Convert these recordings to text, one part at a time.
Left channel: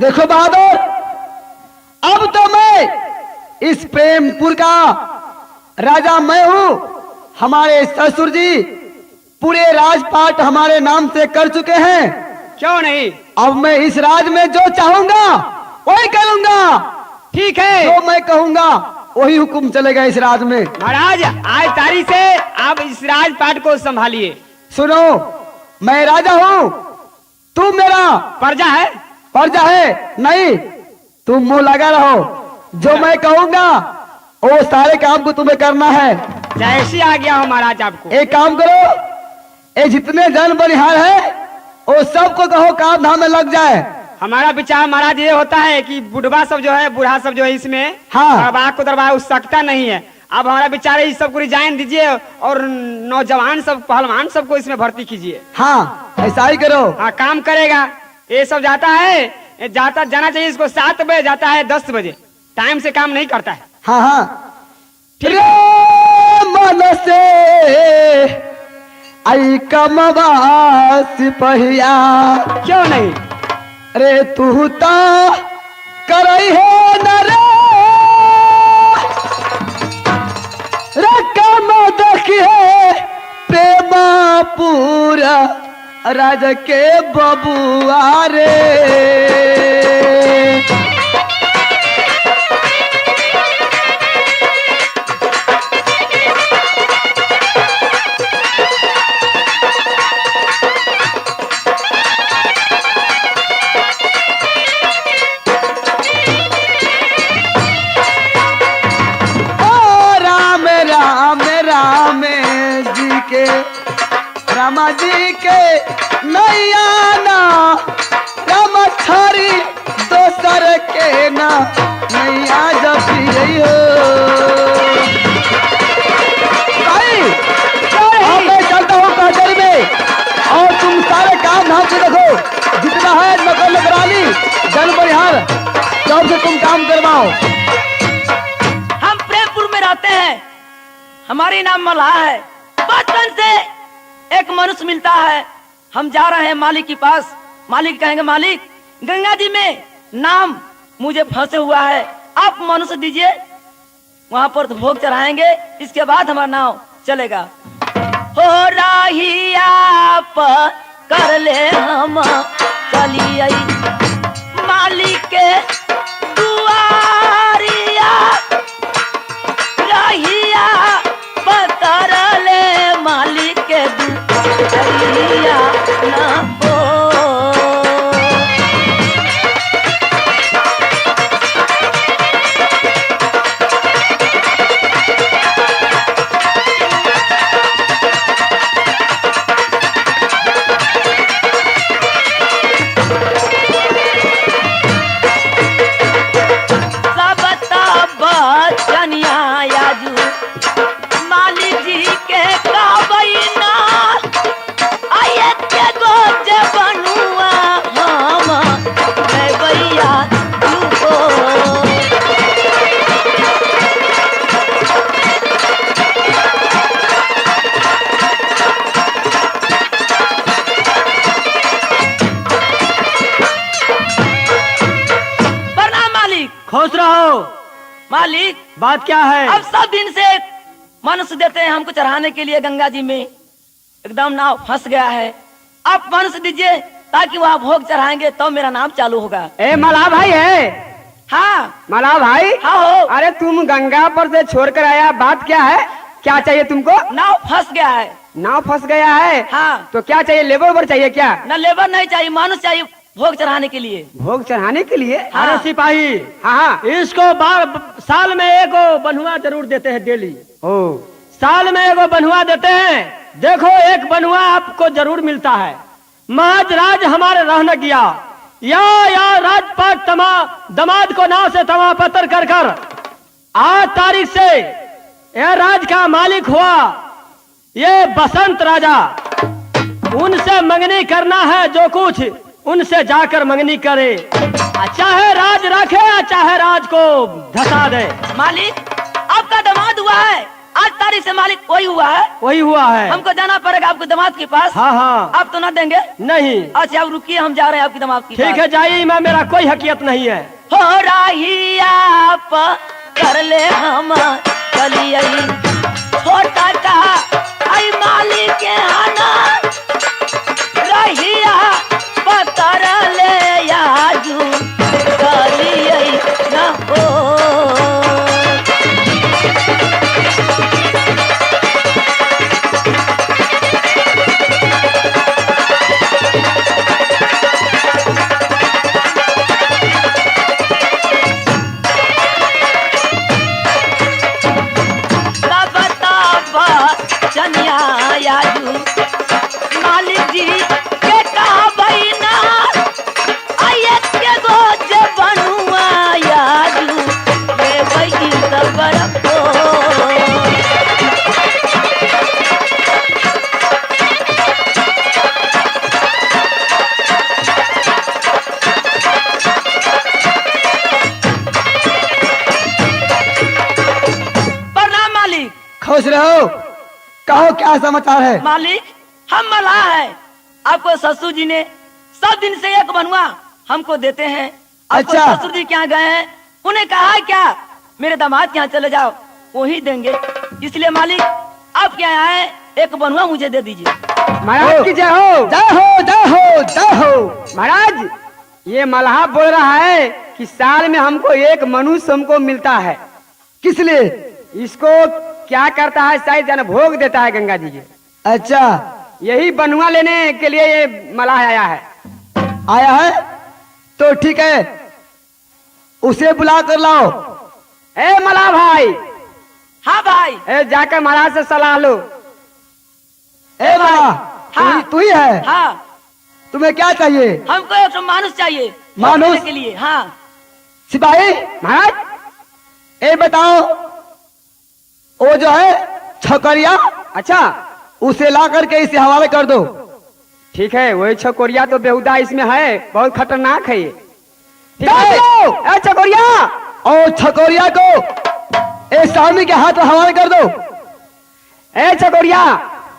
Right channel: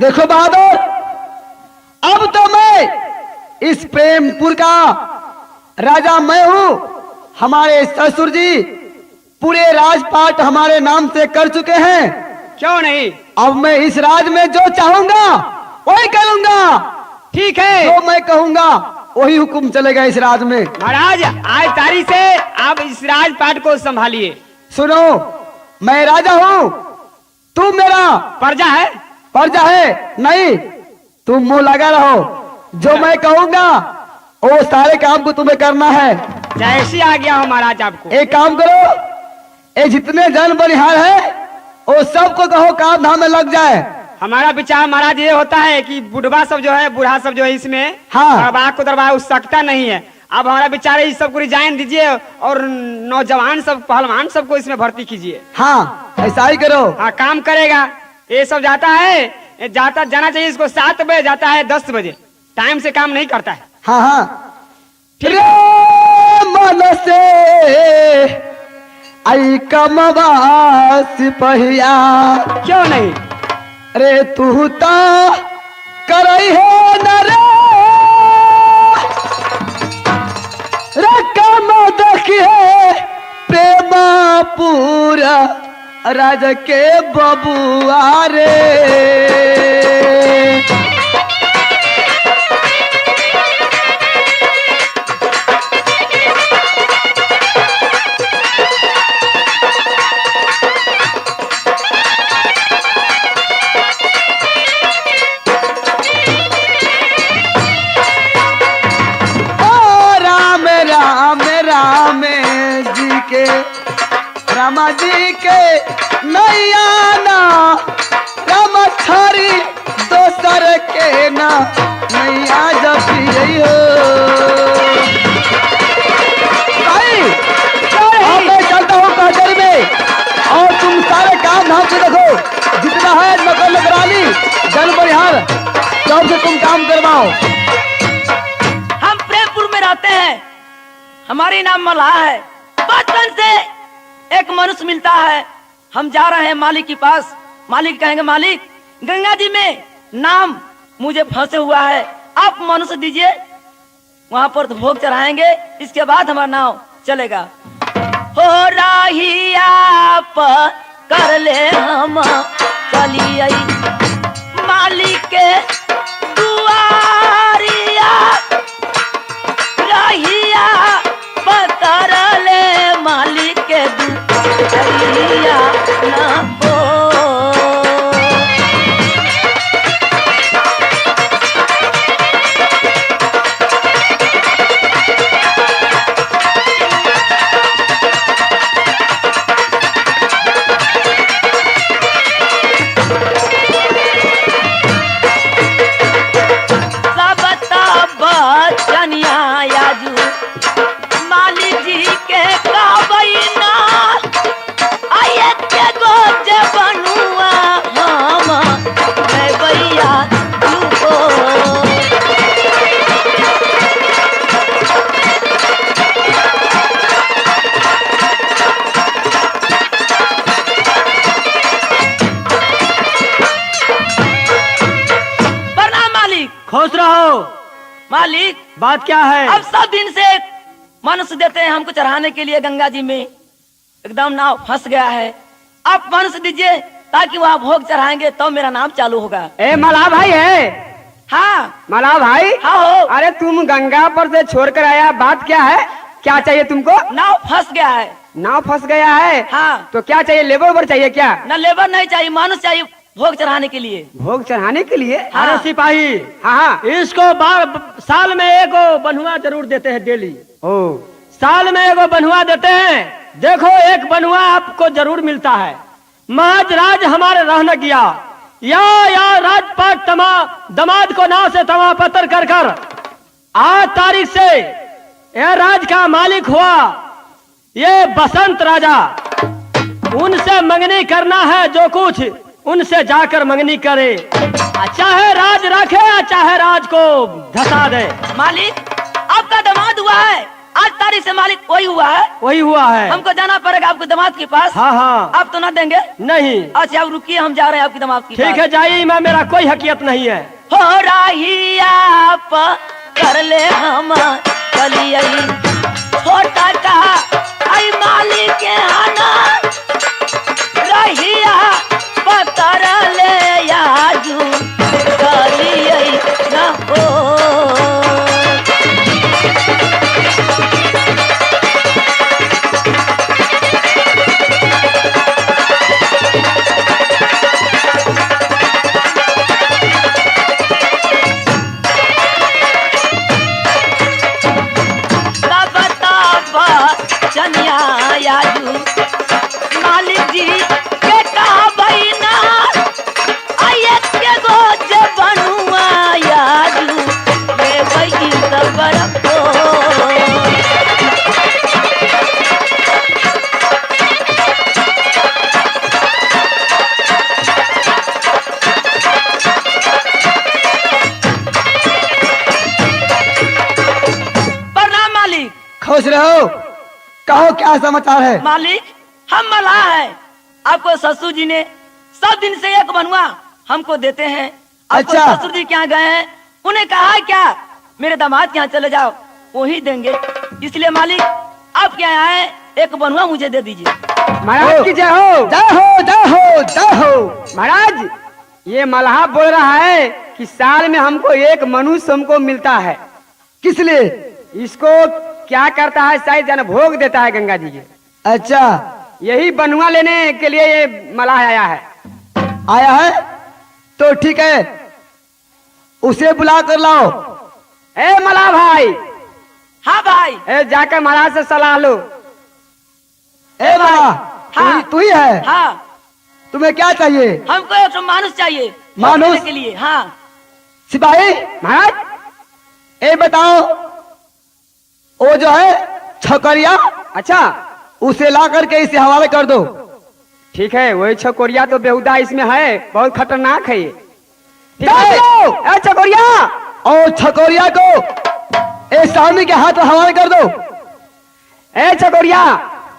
देखो बहादुर, अब तो मैं इस प्रेमपुर का राजा मैं हूँ। हमारे ससुर जी पूरे राजपाट हमारे नाम से कर चुके हैं। क्यों नहीं? अब मैं इस राज में जो चाहूंगा वही करूंगा। ठीक है, जो मैं कहूंगा वही हुक्म चलेगा इस राज में। महाराज आज तारीख से आप इस राजपाट को संभालिए। सुनो, मैं राजा हूँ, तुम मेरा प्रजा है। प्रजा है नहीं, तुम मुंह लगा रहो। जो मैं कहूंगा वो सारे काम को तुम्हें करना है। जैसी आ गया हो महाराज आपको। एक काम करो, ये जितने जन बनिहार है वो सबको कहो काम धाम में लग जाए। हमारा विचार महाराज ये होता है कि बुढ़वा सब जो है, बूढ़ा सब जो है इसमें हाँ। दरबार को दरबार उस सकता नहीं है। अब हमारा विचार है इस सबको रिजाइन दीजिए और नौजवान सब पहलवान सबको इसमें भर्ती कीजिए। हाँ ऐसा ही करो। हाँ, काम करेगा। ये सब जाता है, जाना चाहिए इसको 7 बजे, जाता है 10 बजे। टाइम से काम नहीं करता है। हाँ हाँ, मन से आई कमवा सिपहिया। क्यों नहीं? रे तू ता करई है न रे कम देखिए प्रेमा पूरा राज के बबुआ रे। रामा जी के नैया ना राम थारी दोसर के ना नैया जपी हो। मैं चलता हूँ कचहरी में और तुम सारे काम धाम से देखो, जितना है नौकर नौकरानी जन बनिहार सबसे तुम काम करवाओ। हम प्रेमपुर में रहते हैं, हमारी नाम मल्हार है। बचपन से एक मनुष्य मिलता है, हम जा रहे हैं मालिक के पास। मालिक कहेंगे मालिक गंगा जी में नाम मुझे फंसे हुआ है, आप मनुष्य दीजिए, वहां पर तो भोग चढ़ाएंगे, इसके बाद हमारा नाम चलेगा। हो राहिया पर कर ले हम चलिए मालिक के दुआरिया, राहिया पतर ले मालिक के दुआरिया ना हो। खुश रहो। मालिक बात क्या है? अब सब दिन से मनुष्य देते हैं हमको चढ़ाने के लिए गंगा जी में, एकदम नाव फंस गया है, आप मनुष्य दीजिए ताकि वहाँ भोग चढ़ाएंगे तो मेरा नाम चालू होगा। ए मला भाई है? हाँ मला भाई। हाँ हो। अरे तुम गंगा पर से छोड़ कर आया, बात क्या है? क्या चाहिए तुमको? नाव फंस गया है। नाव फंस गया है? हाँ। तो क्या चाहिए, लेबर उबर चाहिए क्या? न लेबर नहीं चाहिए, मनुष्य चाहिए भोग चढ़ाने के लिए। भोग चढ़ाने के लिए? हाँ। अरे सिपाही, हाँ, इसको साल में एगो बनुआ जरूर देते हैं डेली। ओ साल में एगो बनुआ देते हैं। देखो एक बनुआ आपको जरूर मिलता है। महज राज हमारे रहने गया या राजपाट दमाद को नाव से तमा पत्थर कर कर आज तारीख से यह राज का मालिक हुआ ये बसंत राजा। उनसे मंगनी करना है, जो कुछ उनसे जाकर मंगनी करे, चाहे राज रखे चाहे राज को धसा दे। मालिक आपका दामाद हुआ है, आज तारीख से मालिक वही हुआ है। वही हुआ है। हमको जाना पड़ेगा आपके दामाद के पास। हाँ हाँ। आप तो ना देंगे? नहीं। अच्छा आप रुकिए, हम जा रहे हैं आपके दामाद के ठीक पास। है जाइए, मैं मेरा कोई हकीकत नहीं है। हो रही आप कर ले हम चलिए छोटा का आई मालिक के आना रहिया पतर ले याजू करिए न हो। चनिया याजू मालिक जी के कहा बहिना आये के गोज बनुआ याजू मेरे बहिनी सबर को। प्रणाम मालिक। खुश रहो, कहो क्या समाचार है। मालिक हम मलाह है, आपको ससुर जी ने सब दिन से एक बनवा हमको देते हैं। आपको अच्छा। ससुर जी के यहाँ गए हैं, उन्हें कहा है क्या मेरे दामाद के यहाँ चले जाओ, वही देंगे। इसलिए मालिक आप क्या आए, एक बनवा मुझे दे दीजिए। महाराज की जय हो। जय हो जय हो जय हो। महाराज ये मल्हा बोल रहा है कि साल में हमको एक मनुष्य हमको मिलता है। किस लिए? इसको क्या करता है, शायद जन भोग देता है गंगा जी के। अच्छा यही बनुआ लेने के लिए ये मल्हा आया है। आया है तो ठीक है, उसे बुला कर लाओ। ए मल्हा भाई, हाँ भाई। ए जाकर महाराज से सलाह लो। ए माला, हाँ। तू ही है? हाँ तुम्हें क्या चाहिए? हमको एक मानुष चाहिए मानुष? भोग देने के लिए। हाँ सिपाही महाराज ए बताओ, वो जो है छकरिया, अच्छा उसे ला करके इसे हवाले कर दो। ठीक है, वही छकोरिया तो बेहुदा इसमें है, बहुत खतरनाक है ये। ठीक है। चलो। ए छकोरिया, और छकोरिया को ए सामने के हाथ हवाले कर दो। ए छकोरिया,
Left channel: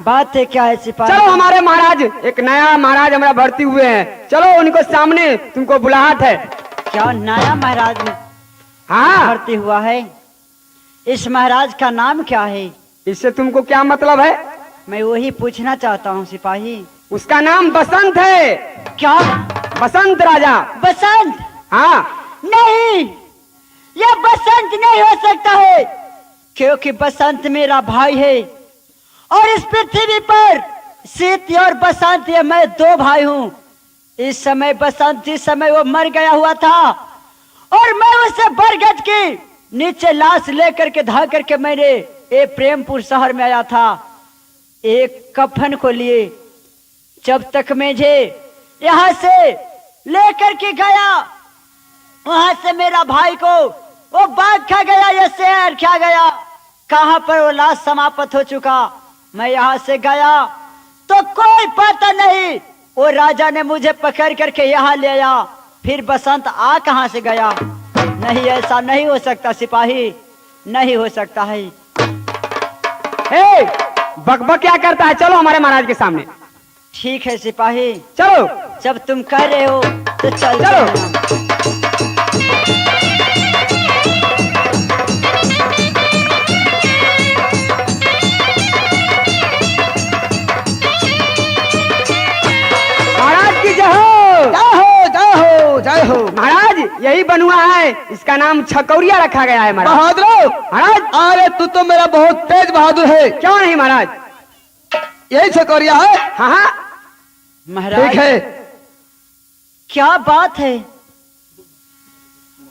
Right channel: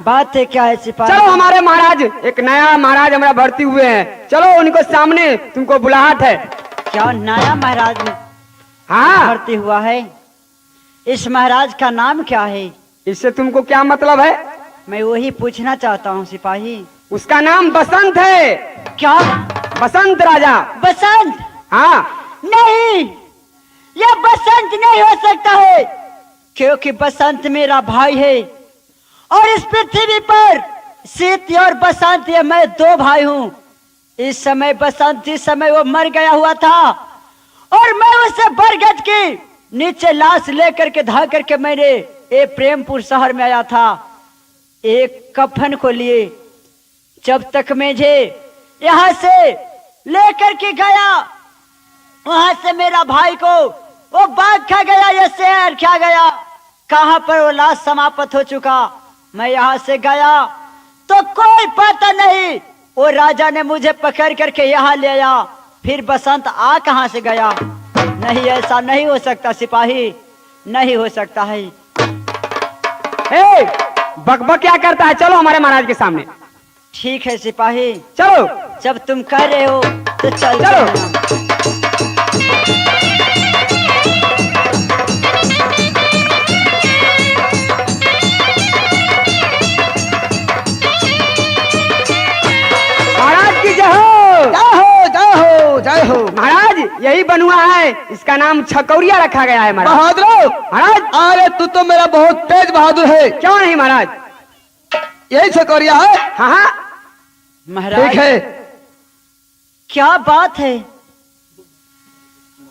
बात है क्या है सिपाही? चलो हमारे महाराज, एक नया महाराज हमारा भर्ती हुए हैं, चलो उनको सामने, तुमको बुलाहट है। क्या नया महाराज हाँ, भर्ती हुआ है? इस महाराज का नाम क्या है? इससे तुमको क्या मतलब है? मैं वही पूछना चाहता हूँ सिपाही। उसका नाम बसंत है। क्या? बसंत राजा। बसंत? हाँ, नहीं, ये बसंत नहीं हो सकता है, क्योंकि बसंत मेरा भाई है और इस पृथ्वी पर शीत और बसंत ये मैं दो भाई हूँ। इस समय बसंत, जिस समय वो मर गया हुआ था और मैं उसे बरगद के नीचे लाश लेकर के धा करके मैंने ये प्रेमपुर शहर में आया था एक कफन को लिए। जब तक मुझे यहाँ से लेकर के गया, वहां से मेरा भाई को वो बाघ खा गया, ये शेर खा गया, कहाँ पर वो लाश समाप्त हो चुका। मैं यहाँ से गया तो कोई पता नहीं, वो राजा ने मुझे पकड़ करके यहाँ ले आया। फिर बसंत आ कहाँ से गया? नहीं, ऐसा नहीं हो सकता सिपाही, नहीं हो सकता है। ए बकबक क्या करता है, चलो हमारे महाराज के सामने। ठीक है सिपाही, चलो जब तुम कह रहे हो तो चल चलो। महाराज की जय हो। जय हो जय हो जय हो। महाराज यही बनुआ है, इसका नाम छकौरिया रखा गया है महाराज। बहादुर, महाराज, अरे तू तो मेरा बहुत तेज बहादुर है। क्यों नहीं महाराज? यही छकोरिया है? हाँ हाँ, महाराज। ठीक है। क्या बात है,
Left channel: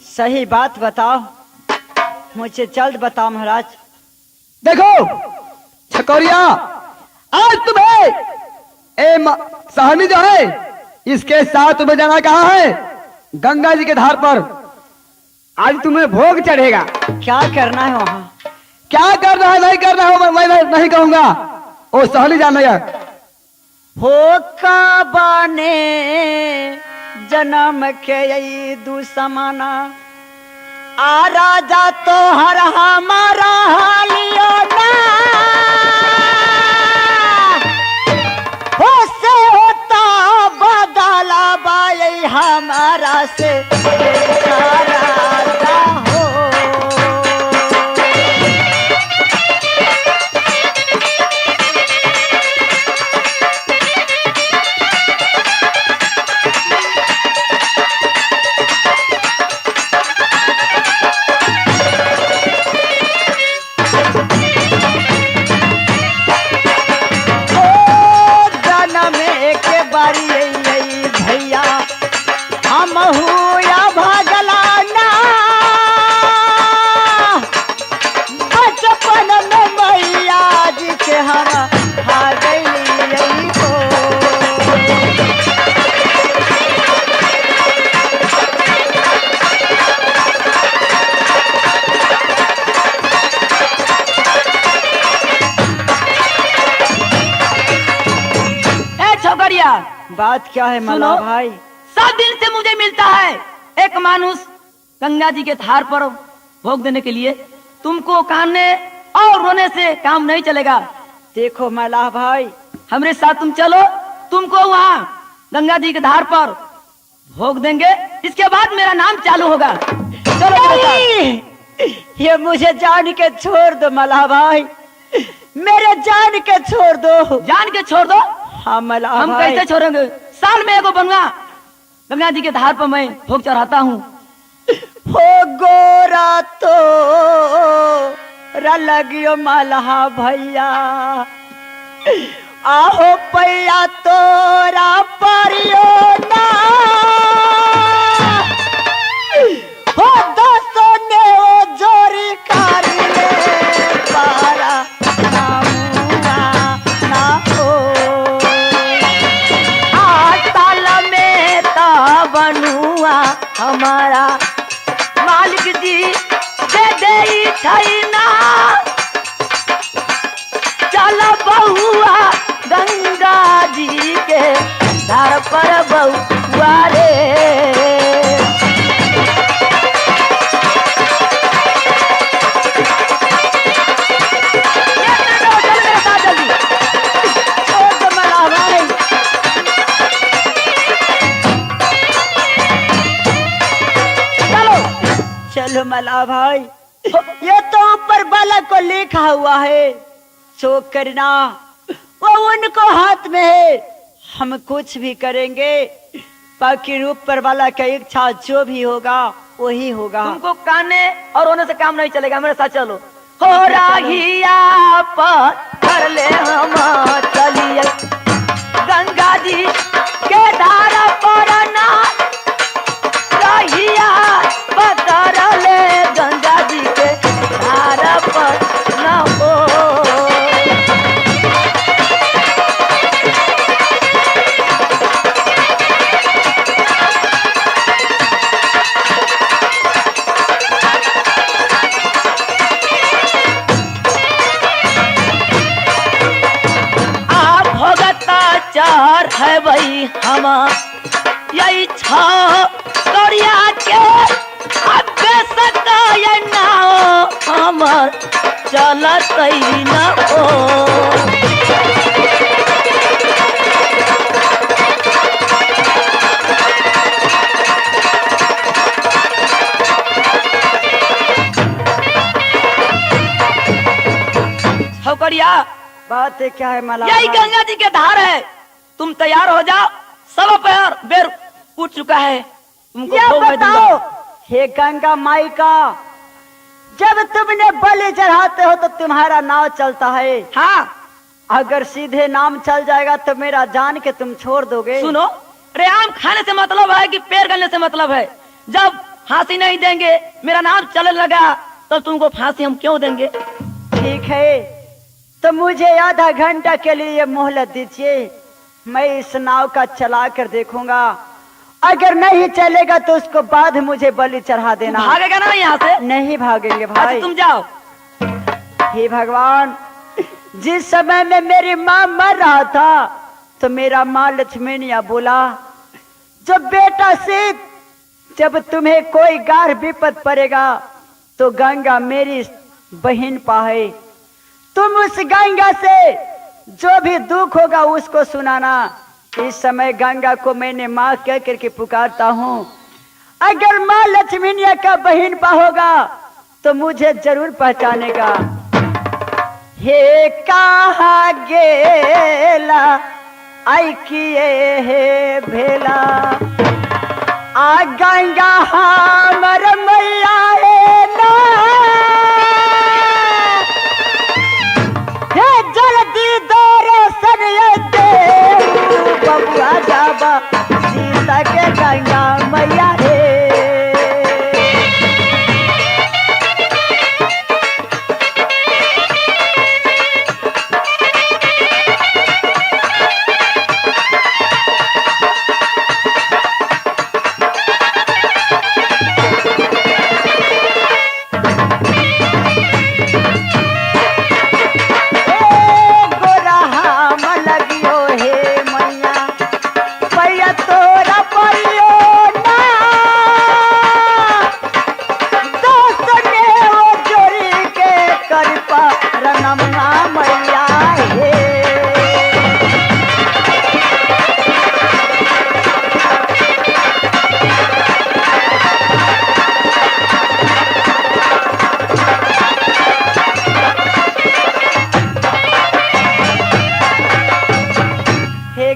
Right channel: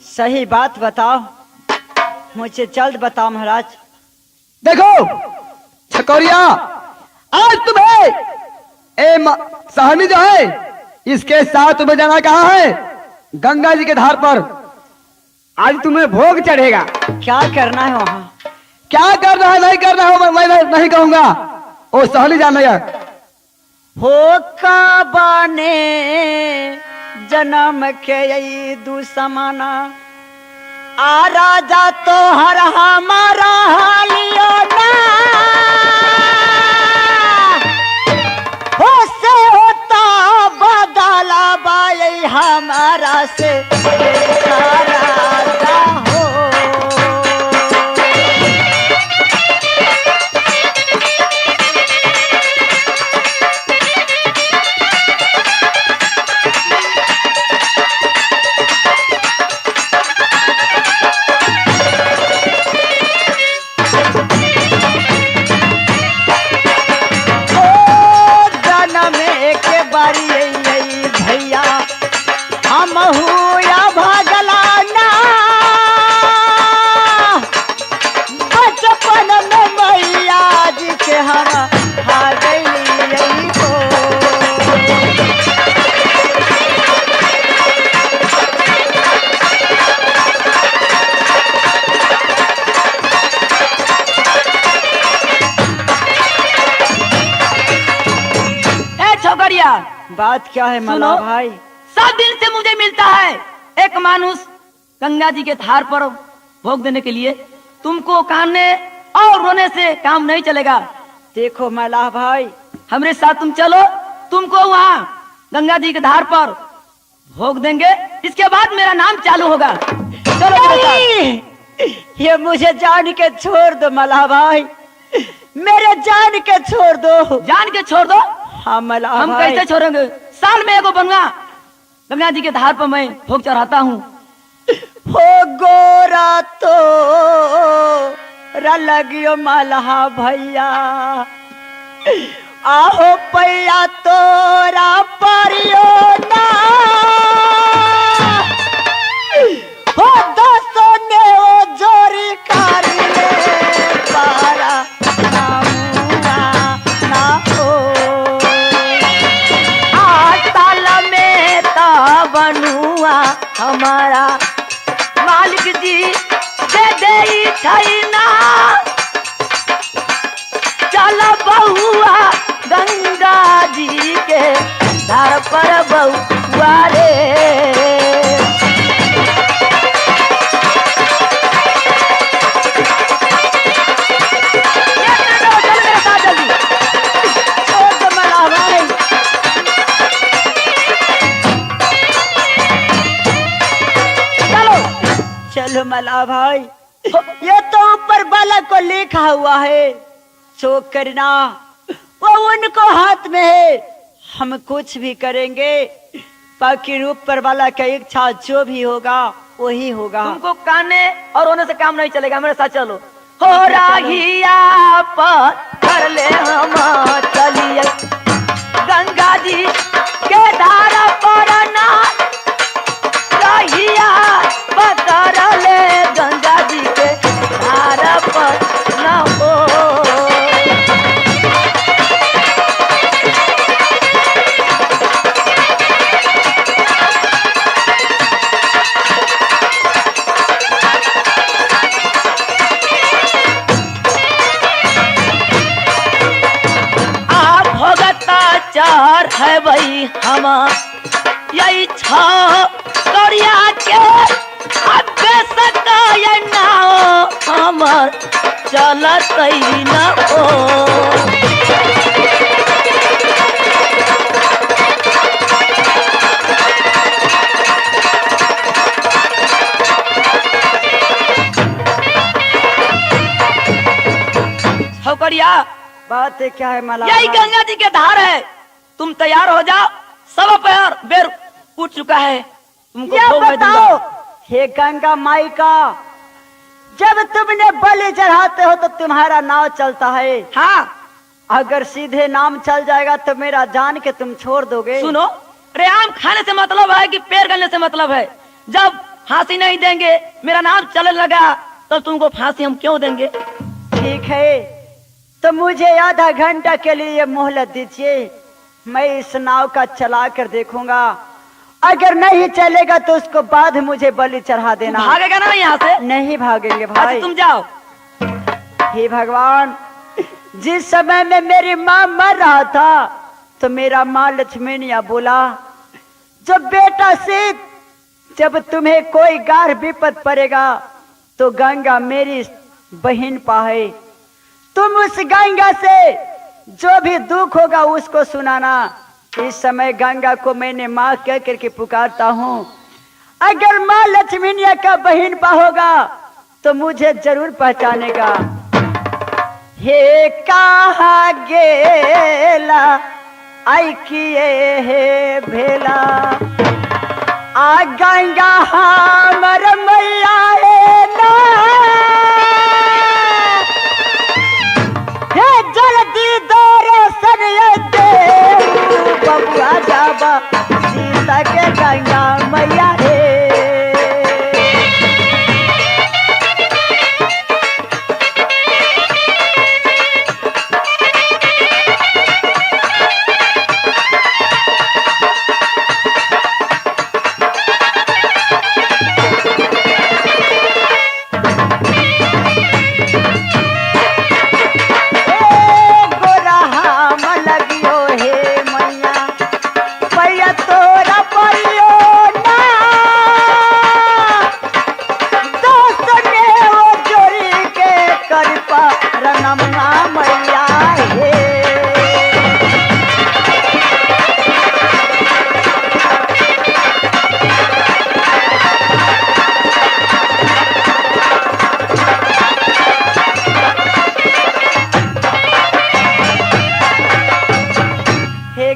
सही बात बताओ, मुझे जल्द बताओ महाराज। देखो छकोरिया, आज तुम्हें सहमी जो है इसके साथ तुम्हें जाना कहाँ है? गंगा जी के धार पर। आज तुम्हें भोग चढ़ेगा। क्या करना है वहाँ? क्या करना है नहीं करना है मैं नहीं कहूंगा, वो सहली जाना है। हो का बाने जन्म के दुसमाना आ राजा तो हर हमारा हालियो ना होसे होता बदला बाई हमारा से राजा हो। भैया हम या भगला ना बचपन में मैया जी के हम खा गई तो छोकरिया बात क्या है मला सुनो। भाई? 7 दिन से मुझे मिलता है एक मानुष गंगा जी के धार पर भोग देने के लिए। तुमको कानने और रोने से काम नहीं चलेगा। देखो मला भाई, हमरे साथ तुम चलो, तुमको वहाँ गंगा जी के धार पर भोग देंगे। इसके बाद मेरा नाम चालू होगा। चलो मेरे साथ। नहीं, ये मुझे जान के छोड़ दो मला भाई, मेरे जान के छोड़ दो। जान के छोड़ दो। हाँ मला हम भाई, कैसे छोड़ेंगे? साल में एगो बनवा गंगा जी के धार पर मैं भोग चढ़ाता हूँ। हो गोरा तो रलगियो मलहा भैया, आहो पैया तोरा परियो ना हो दसो ने ओ जोरी कारिए पारा नामुआ ना हो। आटाल में ता बनुआ हमारा मालिक जी दे दे खरीना। चल बहुआ गंगा जी के धार पर बहुआ रे। चलो मला भाई, ये तो ऊपर बालक को लिखा हुआ है, शोक करना वो उनको हाथ में है। हम कुछ भी करेंगे, बाकी ऊपर वाला का इच्छा जो भी होगा वही होगा। तुमको कानने और रोने से काम नहीं चलेगा। मेरे साथ चलो। हो राहिया पर कर ले हम चलिए गंगा जी के धार पर ना। राहिया पकड़ ले गंगा जी के धार पर ना हो। चार है भाई हम यही छरिया के अबे सकाय ना हमर चलत न हो। छोकरिया बात है क्या है मला यही भाई? गंगा जी के धार है। तुम तैयार हो जाओ। सब पैर बेर उठ चुका है। तुमको ये भोग मैं दूंगा। बताओ, हे गंगा माई का, जब तुमने बलि चढ़ाते हो तो तुम्हारा नाव चलता है। हाँ अगर सीधे नाम चल जाएगा तो मेरा जान के तुम छोड़ दोगे। सुनो, रेआम खाने से मतलब है कि पैर गलने से मतलब है। जब फांसी नहीं देंगे, मेरा नाम चलने लगा, तो तुमको फांसी हम क्यों देंगे? ठीक है, तो मुझे आधा घंटा के लिए मोहलत दीजिए। मैं इस नाव का चला कर देखूंगा, अगर नहीं चलेगा तो उसको बाद मुझे बलि चढ़ा देना। भागेगा ना यहाँ से? नहीं भागेंगे अच्छा भाई। तुम जाओ। हे भगवान, जिस समय में मेरी माँ मर रहा था तो मेरा माँ लक्ष्मणिया बोला, जो बेटा से जब तुम्हें कोई गाढ़ विपद पड़ेगा तो गंगा मेरी बहन पाए। तुम उस गंगा से जो भी दुख होगा उसको सुनाना। इस समय गंगा को मैंने माँ कह करके पुकारता हूँ। अगर माँ लक्ष्मीनिया का बहन पा होगा तो मुझे जरूर पहचानेगा। हे कहा गेला आई किए हे भेला आ गंगा हमर मैया रे ना। हे जल्दी दर्शन दे बबुआ जाबा सीता के गंगा मैया रे।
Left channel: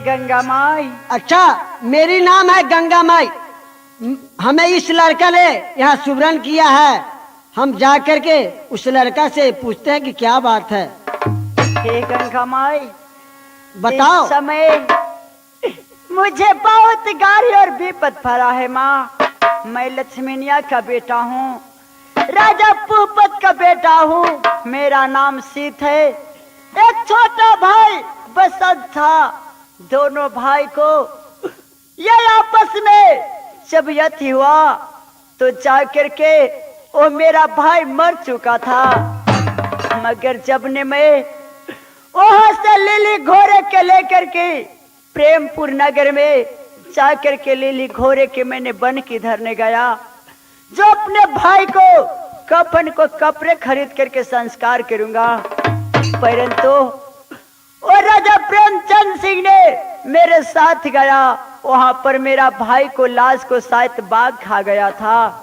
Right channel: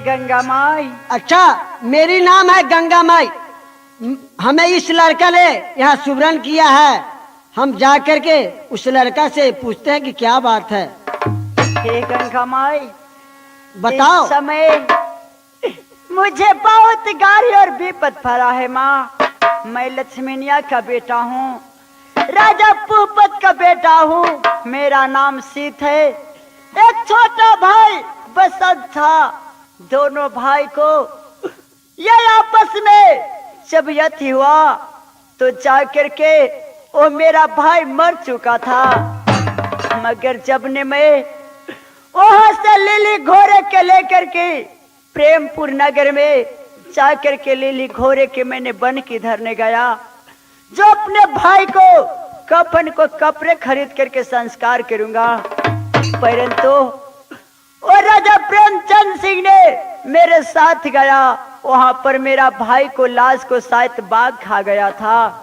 गंगा माई। अच्छा, मेरी नाम है गंगा माई। हमें इस लड़का ने यहाँ सुवर्ण किया है। हम जा करके उस लड़का से पूछते हैं कि क्या बात है। हे गंगा माई बताओ। इस समय मुझे बहुत गाली और विपद पड़ा है माँ। मैं लक्ष्मीनिया का बेटा हूँ, राजा भूपत का बेटा हूँ। मेरा नाम सीत है। एक छोटा भाई बसंत था। दोनों भाई को ये आपस में जब यति हुआ तो जाकर के वो मेरा भाई मर चुका था। मगर जब ने मैं वहां से लिली घोड़े के लेकर के प्रेमपुर नगर में जाकर के लिली घोड़े के मैंने बन के धरने गया, जो अपने भाई को कफन को कपड़े खरीद करके संस्कार करूंगा। परंतु और राजा प्रेमचंद सिंह ने मेरे साथ गया। वहां पर मेरा भाई को लाश को शायद बाघ खा गया था।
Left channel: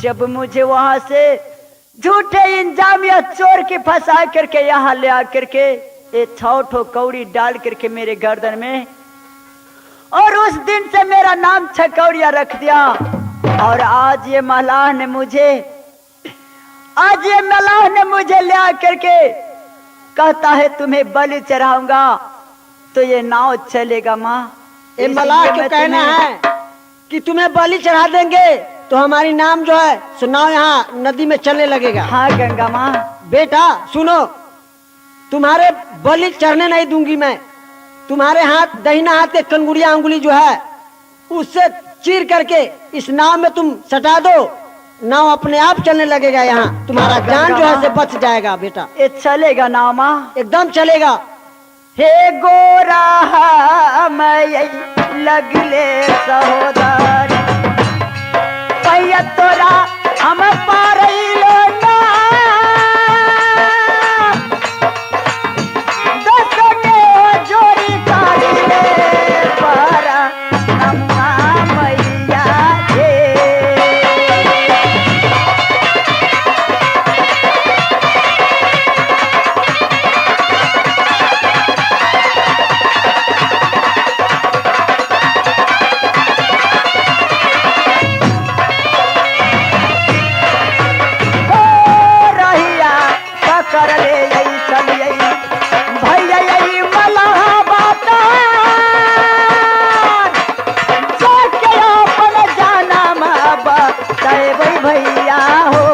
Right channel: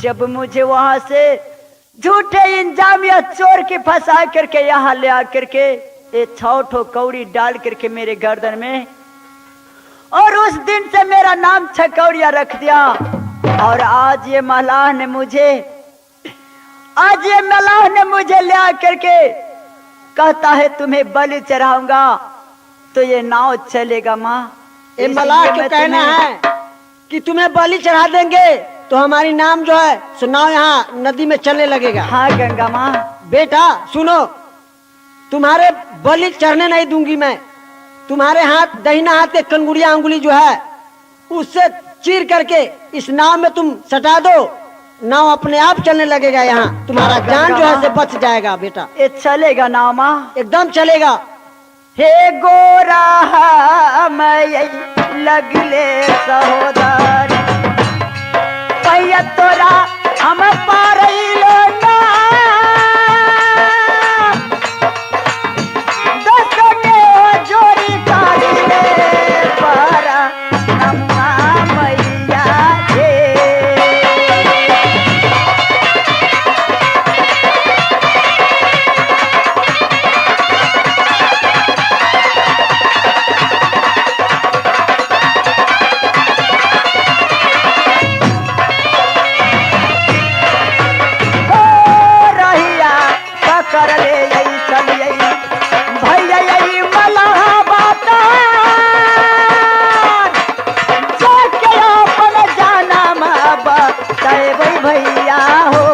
जब मुझे वहां से झूठे इंजाम या चोर की फंसा करके यहाँ ले आकर के एक छौ कौड़ी डाल करके मेरे गर्दन में, और उस दिन से मेरा नाम छकौड़िया रख दिया। और आज ये मलाह ने मुझे ले आकर के कहता है तुम्हें बलि चढ़ाऊंगा तो ये नाव चलेगा माँ। ये मलाह के कहना है कि तुम्हें बलि चढ़ा देंगे तो हमारी नाम जो है सुनाओ यहाँ नदी में चलने लगेगा। हाँ गंगा माँ। बेटा सुनो, तुम्हारे बलि चढ़ने नहीं दूंगी मैं। तुम्हारे हाथ दहिना हाथ के कंगुड़िया अंगुली जो है उससे चीर करके इस नाव में तुम सटा दो। नाव अपने आप चलने लगेगा। यहाँ तुम्हारा जान जो है से बच जाएगा बेटा। ये चलेगा नाव माँ? एकदम चलेगा। हे गोरा मैं लगले सहोदर पैया तोरा हम पारैलो ना। दसने जोड़ी काले पारा नम्मा मैया रे। भैया हो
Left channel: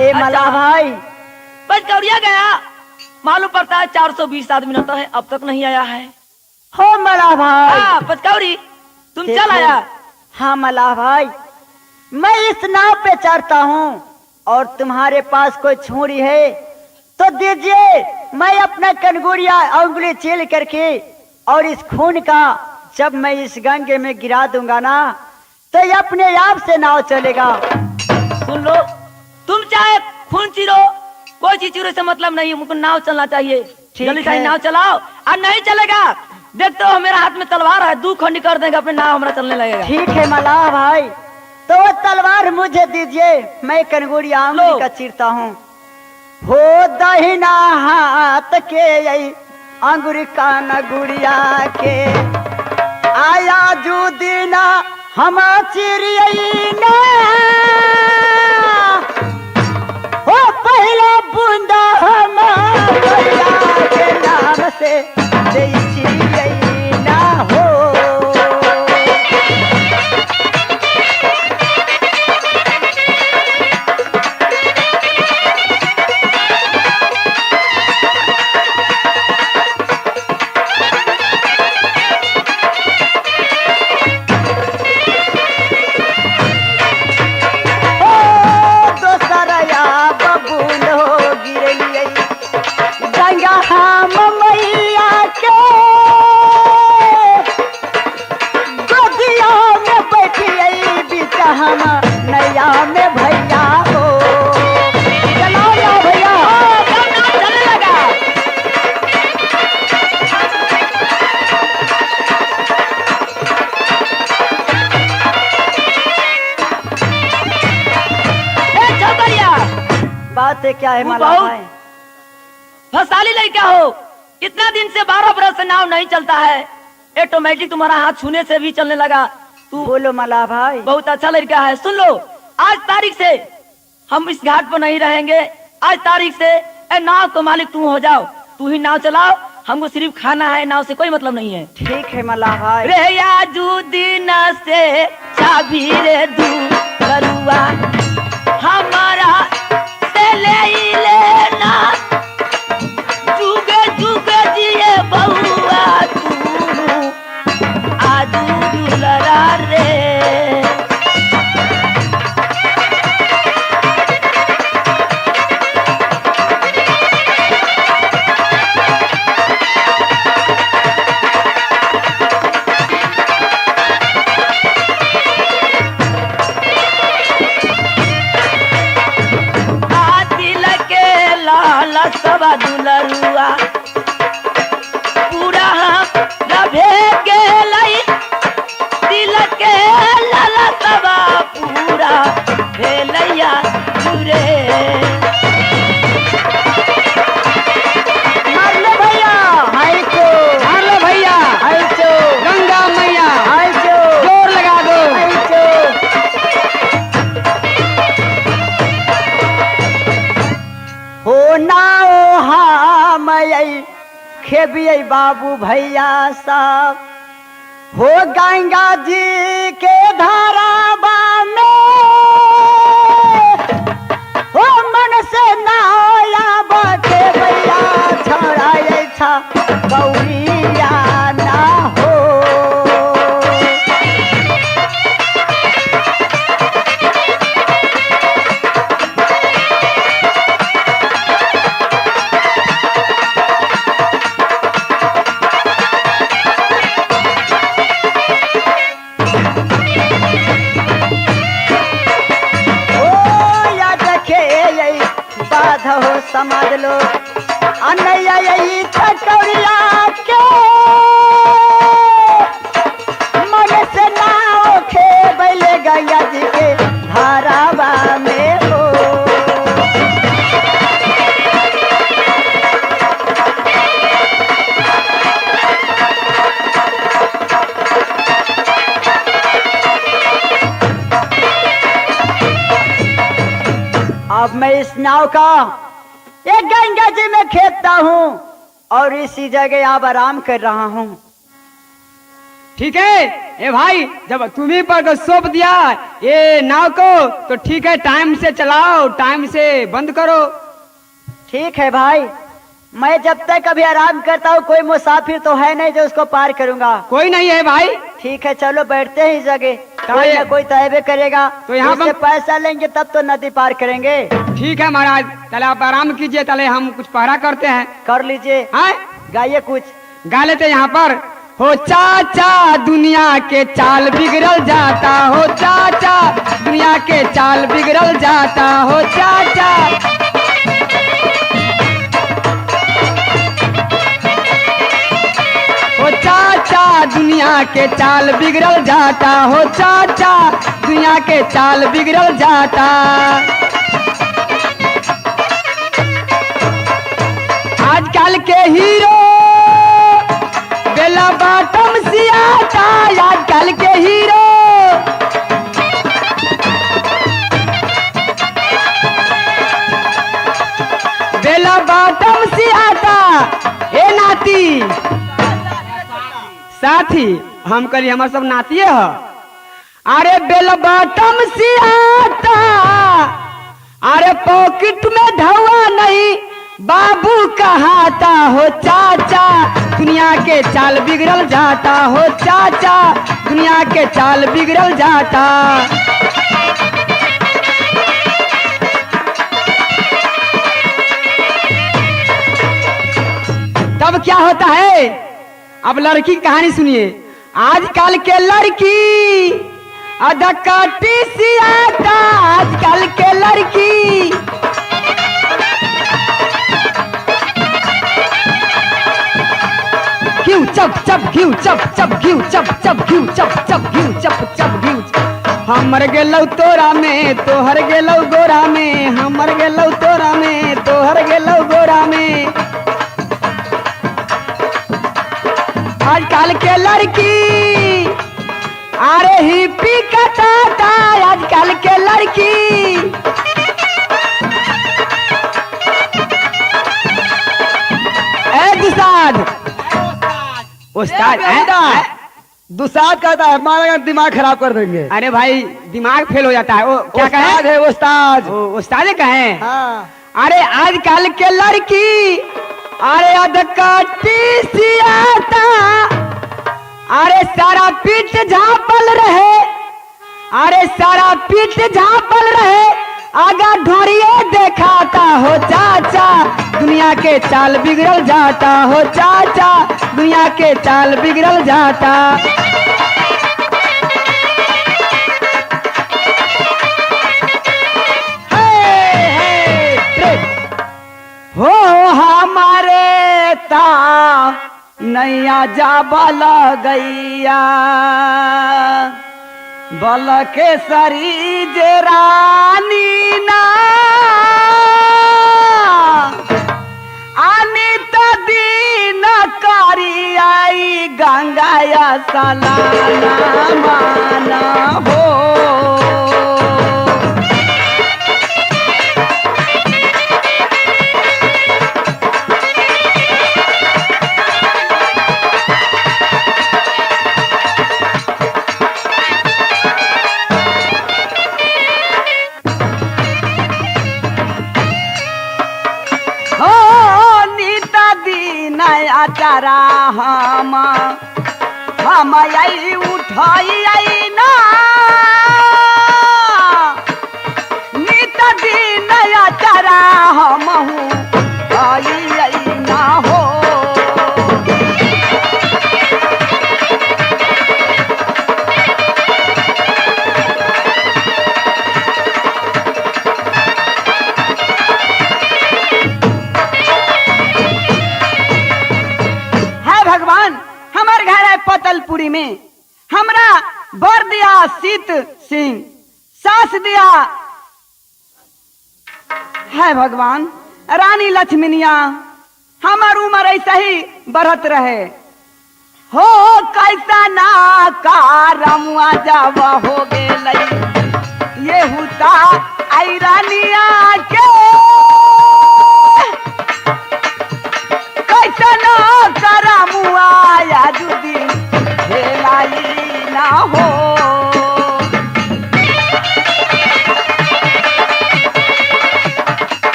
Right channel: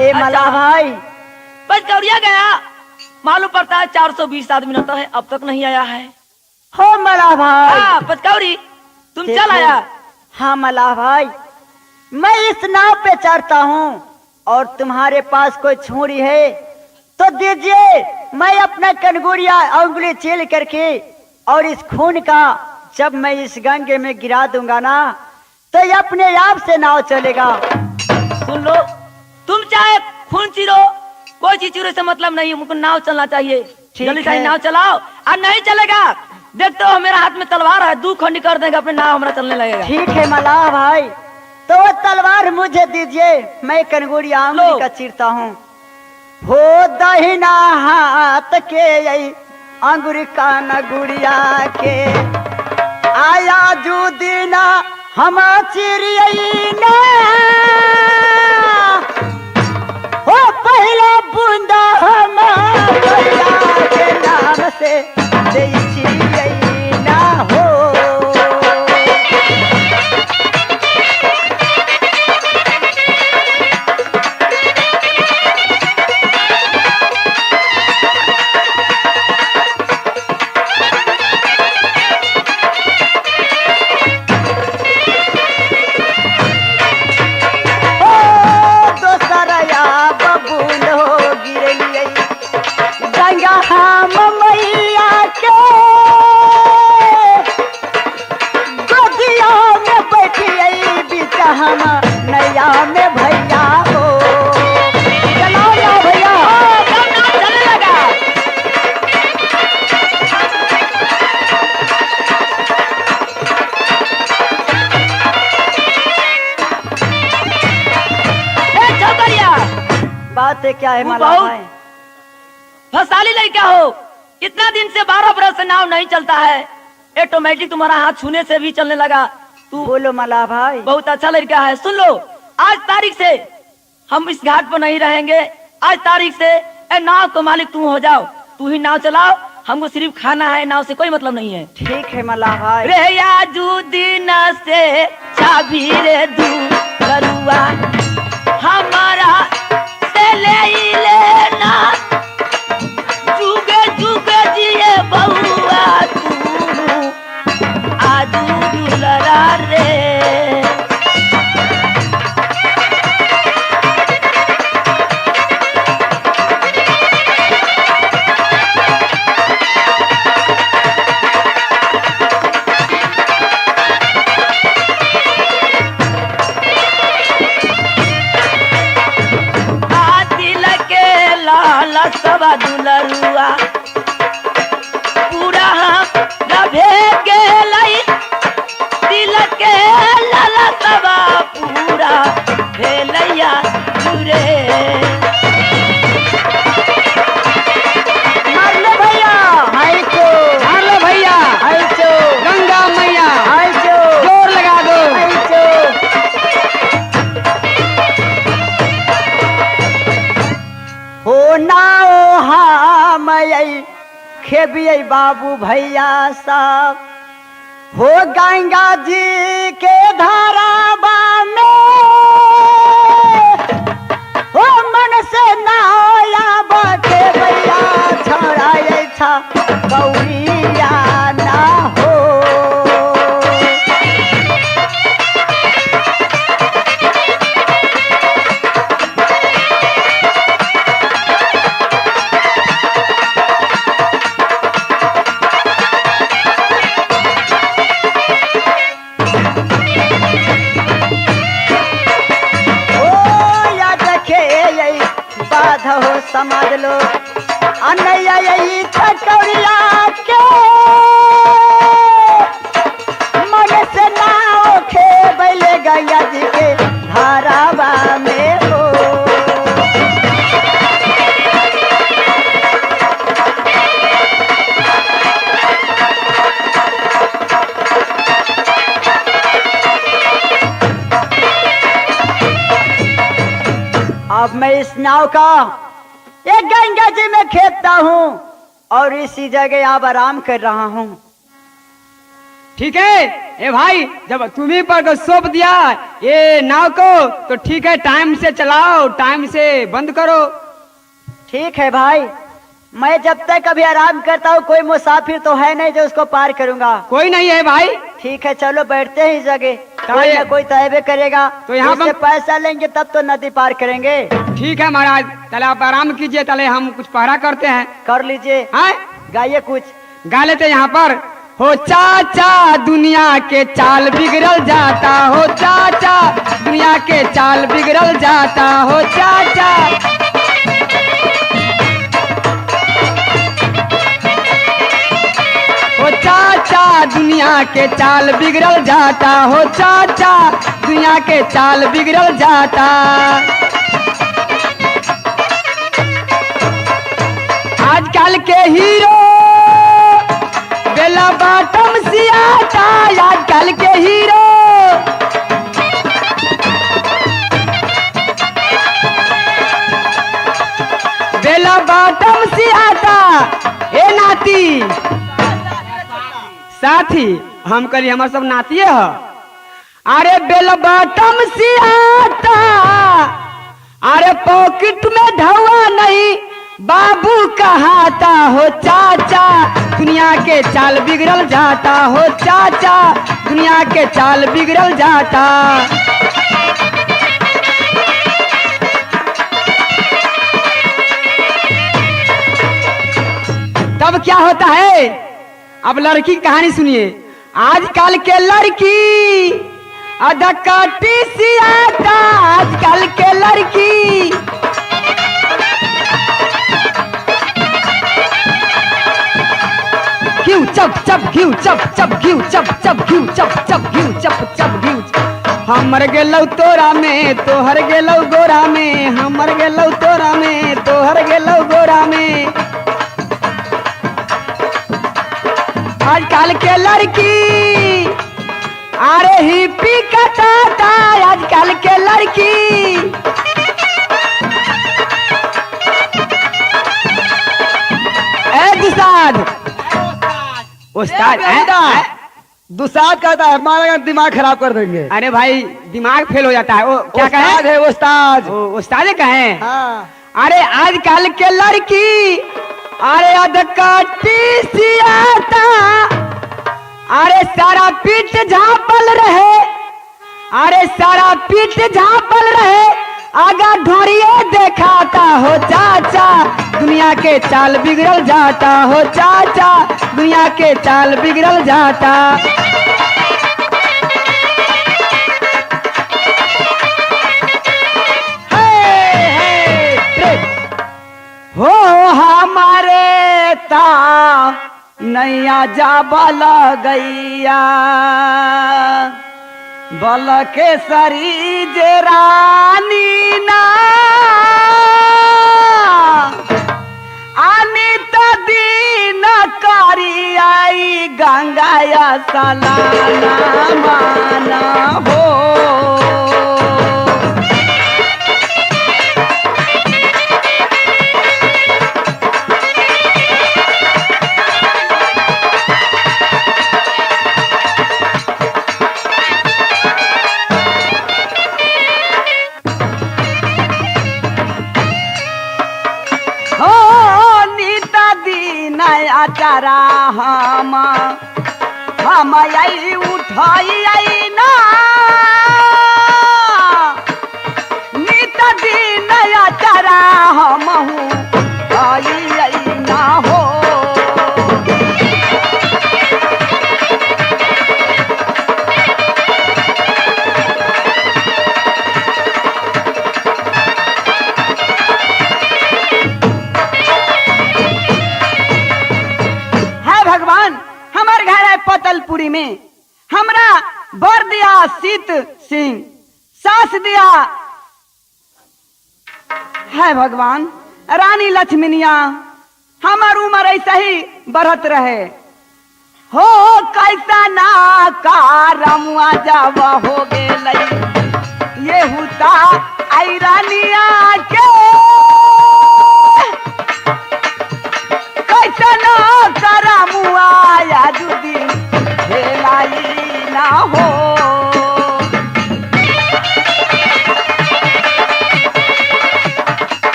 ए मला भाई बस दौड़िया गया। मालूम पड़ता है 420 आदमी रहता है, अब तक नहीं आया है। हो मला भाई। हाँ पचकौड़ी तुम चल आया। हाँ मला भाई, मैं इस नाव पे चढ़ता हूँ और तुम्हारे पास कोई छुरी है तो दीजिए, मैं अपना कनगुड़िया उंगली चील करके और इस खून का जब मैं इस गंगे में गिरा दूंगा ना तो ये अपने आप से नाव चलेगा। सुन लो, तुम चाहे खून चीरो, कोई चीज चीरे से मतलब नहीं, मुझको नाव चलना चाहिए। जल्दी से है। नाव चलाओ। और नहीं चलेगा, देखते हो मेरा हाथ में तलवार है, 2 खंडी कर देंगे, अपने नाव हमारा चलने लगेगा। ठीक है मल्लाह भाई, तो वो तलवार मुझे दीजिए, मैं कनगुड़िया उंगली का चीरता हूँ। हो दहिना हाथ के यही अंगुरी का नगुड़िया के आया जू दीना हम चिरियई ना हो पहला बूंदा हमारा नाम से चिरियई ना हो। हम नैया में भैया हो चलो ना भैया चलने लगा। भैया बात है क्या है मल्लाह भाई? फसाली लड़का हो, इतना दिन से 12 बरस से नाव नहीं चलता है, ऑटोमेटिक तुम्हारा हाथ छूने से भी चलने लगा। तू बोलो मल्लाह भाई। बहुत अच्छा लड़का है। सुन लो, आज तारीख से हम इस घाट पर नहीं रहेंगे। आज तारीख से नाव को मालिक तू हो जाओ, तू ही नाव चलाओ, हमको सिर्फ खाना है, नाव से कोई मतलब नहीं है। ठीक है मल्लाह भाई। रे याजू दिन से चाबी रे दू करुआ हमारा से ले ही लेना, जुगे जुगे जिए बहुआ तू आजू दुलरा रे। सवा दुलरुआ पूरा रभे गेलई दिल के लाला सवा पूरा भेलैया रे। मार लो भैया हाय को, मार लो भैया हाय को, गंगा मैया हाय को, जोर लगा दो हाय को। हो ना खेबिये बाबू भैया साहब हो गंगा जी के धाराबा में हो मन से नाया बाटे भैया छोड़ा था गौरिया ना हो। हो समझ लो अनैया यही कटोरिया के मन से ना उठे बैले गंगा जी के धारावा में हो। अब मैं इस नाव का एक गंगा जी में खेपता हूँ और इसी जगह अब आराम कर रहा हूँ। ठीक है ए भाई, जब तुम्ही पर सौंप दिया ये नाव को तो ठीक है, टाइम से चलाओ, टाइम से बंद करो। ठीक है भाई, मैं जब तक अभी आराम करता हूँ कोई मुसाफिर तो है नहीं जो उसको पार करूंगा। कोई नहीं है भाई, ठीक है चलो बैठते हैं इस जगह, कोई ये- ना कोई तयबे करेगा। तो यहाँ उससे पर- पैसा लेंगे तब तो नदी पार करेंगे। ठीक है महाराज, चले आप आराम कीजिए, चले हम कुछ पहरा करते हैं। कर लीजिए, हाँ गाइए कुछ। गा लेते यहाँ पर। हो चाचा दुनिया के चाल बिगड़ल जाता, हो चाचा दुनिया के चाल बिगड़ल जाता, हो चाचा। हो चाचा दुनिया के चाल बिगड़ल जाता, हो चाचा दुनिया के चाल बिगड़ल जाता। आजकल के हीरो बेला बाटम सियाता, आजकल के हीरो बेला बाटम सियाता। ए नाती साथी, हम करी हमार सब नातिए ह। अरे बेला बाटम सियाता, अरे पॉकेट में धवा नहीं बाबू कहाता, हो चाचा दुनिया के चाल बिगड़ल जाता, हो चाचा दुनिया के चाल बिगड़ल जाता। तब क्या होता है, अब लड़की की कहानी सुनिए। आजकल के लड़की अधकाटी सी आता, आजकल के लड़की घिउ चप चप घिउ चप चप घिउ चप चप घिउ चप चप घिउ चप चप घिउ। हमर गेलौ तोरा में तोहर गेलौ गोरा में, हमर गेलौ तोरा में तोहर गेलौ गोरा में। आजकल के लड़की अरे हिप्पी कटाता, आजकल के लड़की ए दुसाद उस्ताद दुसाद कहता है हमारा दिमाग खराब कर देंगे। अरे भाई दिमाग फेल हो जाता है। वो क्या उस्ताद कहे, है उस्ताद। उस्ताद कहे। हाँ अरे आजकल के लड़की अरे अधकाटी सी आता, अरे सारा पीठ झापल रहे, अरे सारा पीठ झापल रहे, आगा ढोरिए देखाता, हो चाचा दुनिया के चाल बिगड़ल जाता, हो चाचा दुनिया के चाल बिगड़ल जाता। हो हमारे ता नैया जा बल गैया, बल के सरी जे रानी ना, अनित दीन करी आई गंगाया सलाना मान हो। चारा हम आई उठाई आई ना, नित दिन चारा हम आई आई ना हो। पतलपुरी में हमरा बर दिया सीत सिंह, सास दिया है भगवान रानी लक्ष्मीनिया। हमार उम्र ऐसा ही बढ़त रहे, हो कैसा ना कारमुआ जब हो गेलई, ये हुता आई रानिया के कैसा ना करमुआ या जुदी ना हो।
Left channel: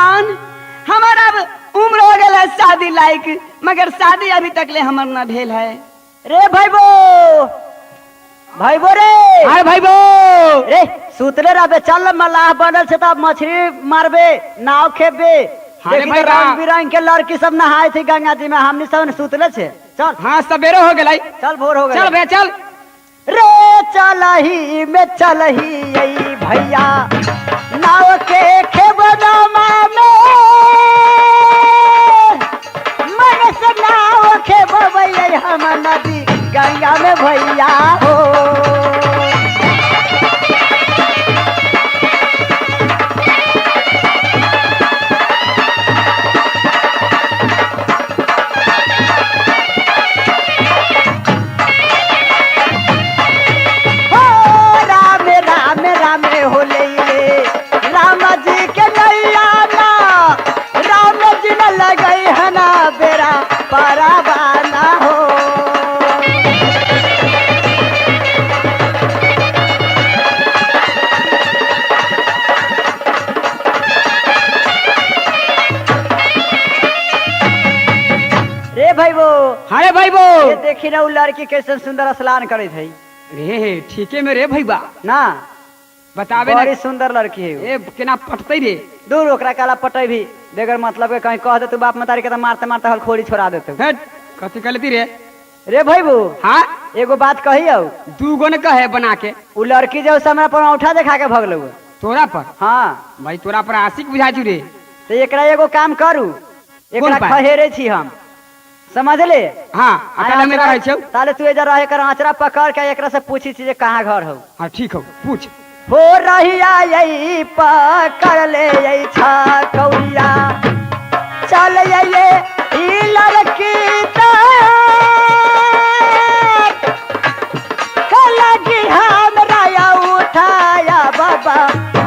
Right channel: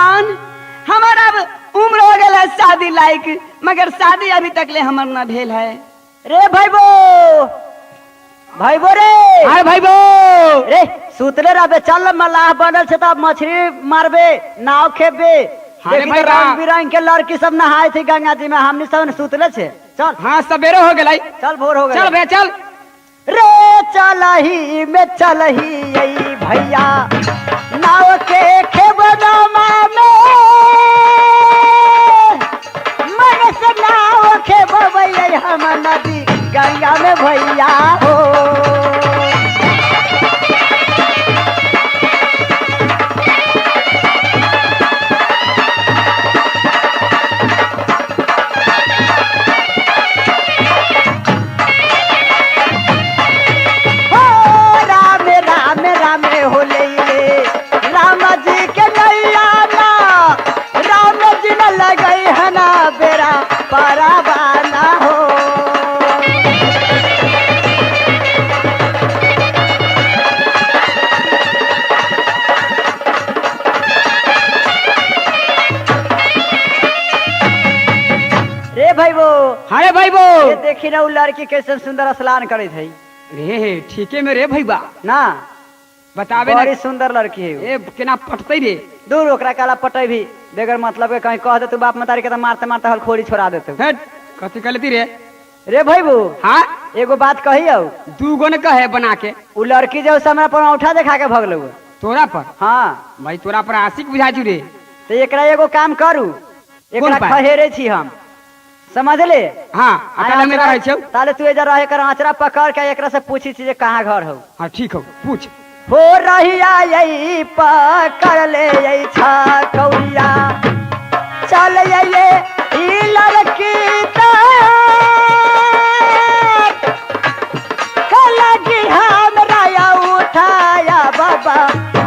भगवान, हमारा अब उम्र हो गया शादी लायक, मगर शादी अभी तक ले हमार न भेल है। रे भाईबो, भाईबो रे, अरे भाईबो, रे सुतले रहबे, चल मलाह बनल से तब मछली मारबे, नाव खेबे। अरे देखी भाई, तो रंग बिरंग के लड़की सब नहाए थी गंगा जी में, हमनी सब सुतले छे। चल हाँ सवेरे हो गया, चल भोर हो गया। चल भैया चल। रे चलही में चलही यही भैया नाव के खेबनमा में, मन से नाव खेबबै हम नदी गंगा में भैया हो। राम जी के नैया ना, राम जी न लगई है ना बेरा परावाना हो। रे भाईबो, अरे भाईबो, ये देखी ना उ लड़की कैसे सुंदर स्नान करे थे रे ठीके में रे भैया, ना, बतावे बड़ी ना, सुंदर लड़की है। ए केना पटते रे। दूर ओकरा काला पटै भी बेगर मतलब के कहीं कह दे तू बाप मतारी के तो मारते मारते हलखोरी छोड़ा देते। हट, कथी कहती रे। रे भाईबू, हाँ एगो बात कही हो, दूगो ने कहे बना के, उ लड़की जो समय पर औठा देखा के भगल हुए। तोरा पर, हाँ, भाई तोरा पर आशिक बुझा रे। तो एकरा एगो काम करू, एकरा बात? खहेरे छी हम, समझ ले। हाँ अकेला में रहे छौ। ताले तू इधर रहे कर आचरा पकड़ के एकरा से पूछी छी जे कहाँ घर हो। हाँ ठीक हो, पूछ। हो रहिया यही पकड़ ले यही छकौरिया, चल ये ई लड़की लगी हमरा उठाया बाबा,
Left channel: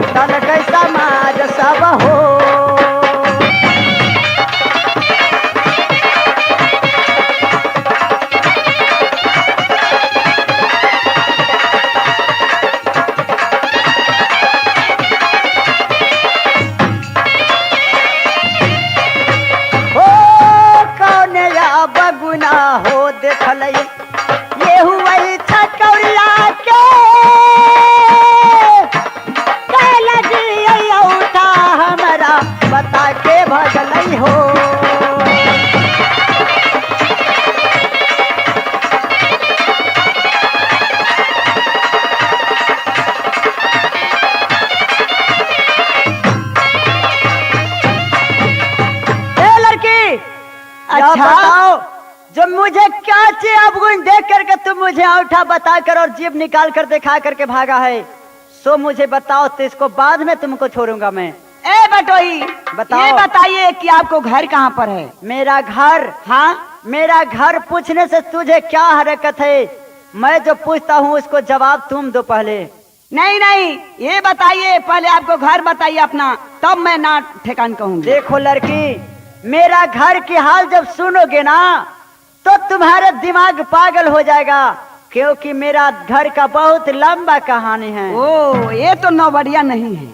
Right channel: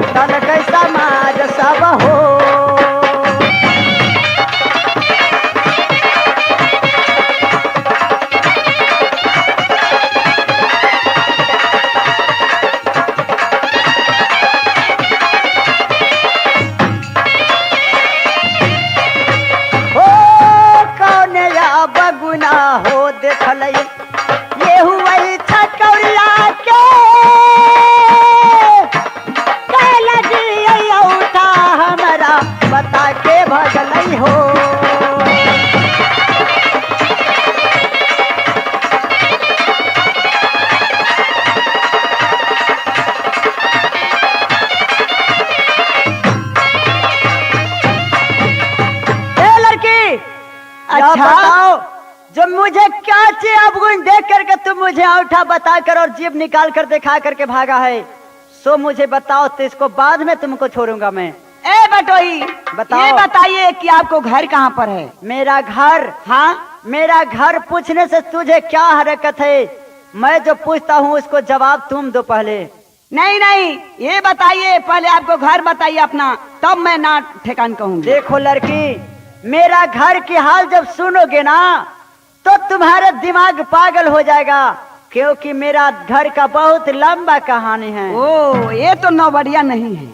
तन कैसा समाज सब हो। बगुना हो देखल ये हुआ छटौरिया के, लगी उठा हमरा बता के भगल हो। लड़की अच्छा बताओ, जो मुझे क्या चाहिए अब देख करके तुम मुझे औठा बता कर और जीभ निकाल कर दिखा करके भागा है, सो मुझे बताओ, तो इसको बाद में तुमको छोड़ूंगा मैं। ए बटोई, बताओ। ये बताइए कि आपको घर कहाँ पर है। मेरा घर, हाँ मेरा घर पूछने से तुझे क्या हरकत है, मैं जो पूछता हूँ उसको जवाब तुम दो पहले। नहीं नहीं, ये बताइए पहले, आपको घर बताइए अपना, तब मैं ना ठेकान कहूँगी। देखो लड़की, मेरा घर की हाल जब सुनोगे ना तो तुम्हारा दिमाग पागल हो जाएगा, क्योंकि मेरा घर का बहुत लंबा कहानी है। ओ, ये तो नौबड़िया नहीं है,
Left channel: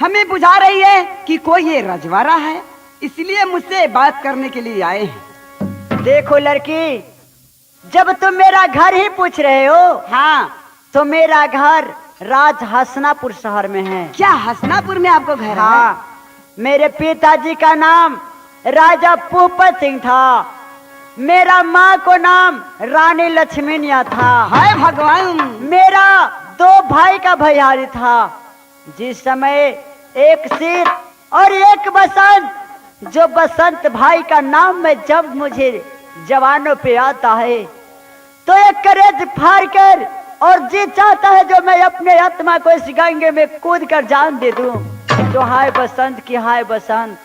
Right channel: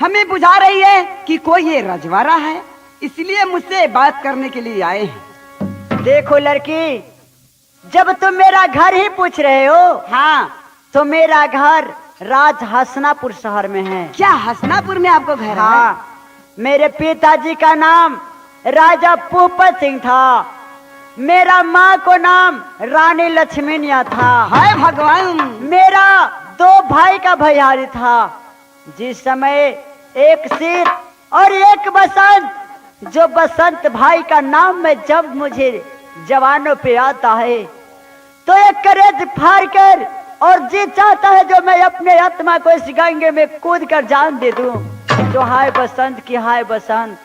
हमें बुझा रही है कि कोई ये रजवाड़ा है, इसलिए मुझसे बात करने के लिए आए हैं। देखो लड़की, जब तुम मेरा घर ही पूछ रहे हो, हाँ, तो मेरा घर राज हसनापुर शहर में है। क्या हसनापुर में आपको घर है? हाँ, मेरे पिताजी का नाम राजा भूपत सिंह था, मेरा माँ को नाम रानी लक्ष्मीनिया था। हाय भगवान, मेरा 2 भाई का भैयारी था। जिस समय एक सिर और एक बसंत, जो बसंत भाई का नाम में जब मुझे जवानों पे आता है तो एक करेज फाड़ कर और जी चाहता है जो मैं अपने आत्मा को इस गंगे में कूद कर जान दे दूं। तो हाय बसंत की हाय बसंत।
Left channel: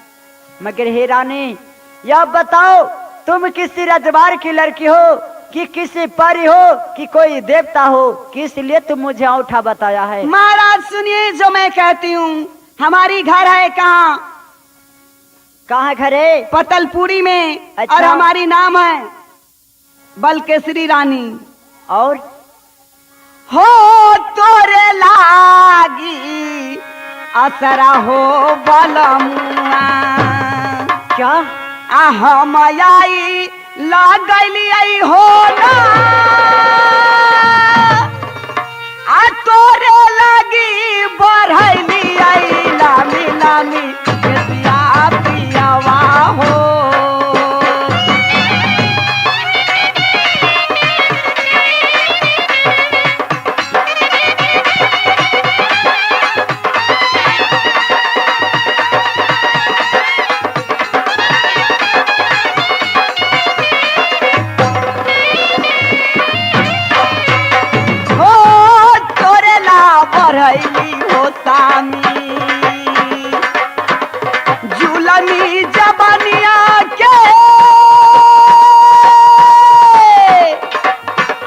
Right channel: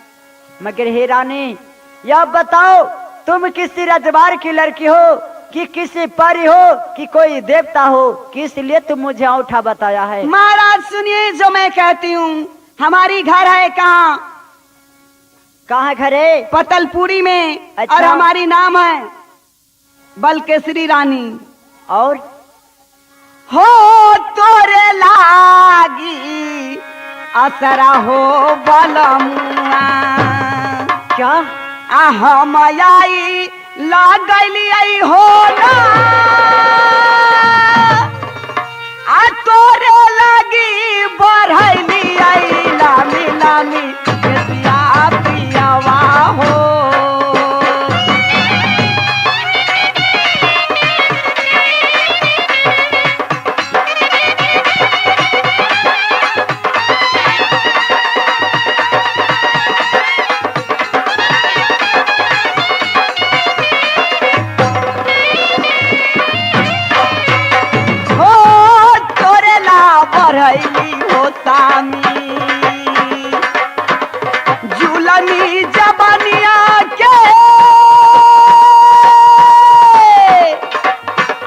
मगर हे रानी, यह बताओ, तुम किसी रजवाड़ की लड़की हो कि किसी परी हो कि कोई देवता हो, किस लिए तुम मुझे औठा बताया है? महाराज सुनिए जो मैं कहती हूँ, हमारी घर है कहाँ? कहाँ घर है? पतलपुरी में। अच्छा। और हमारी नाम है बलकेसरी रानी। और हो तोरे लागी असरा हो बलमुआ क्या हम आई लागली हो ना आ तोरे लगी बढ़ैली आई लामी लामी पिया पियावा हो बढ़ैली हो सामी झूलनी जबनिया के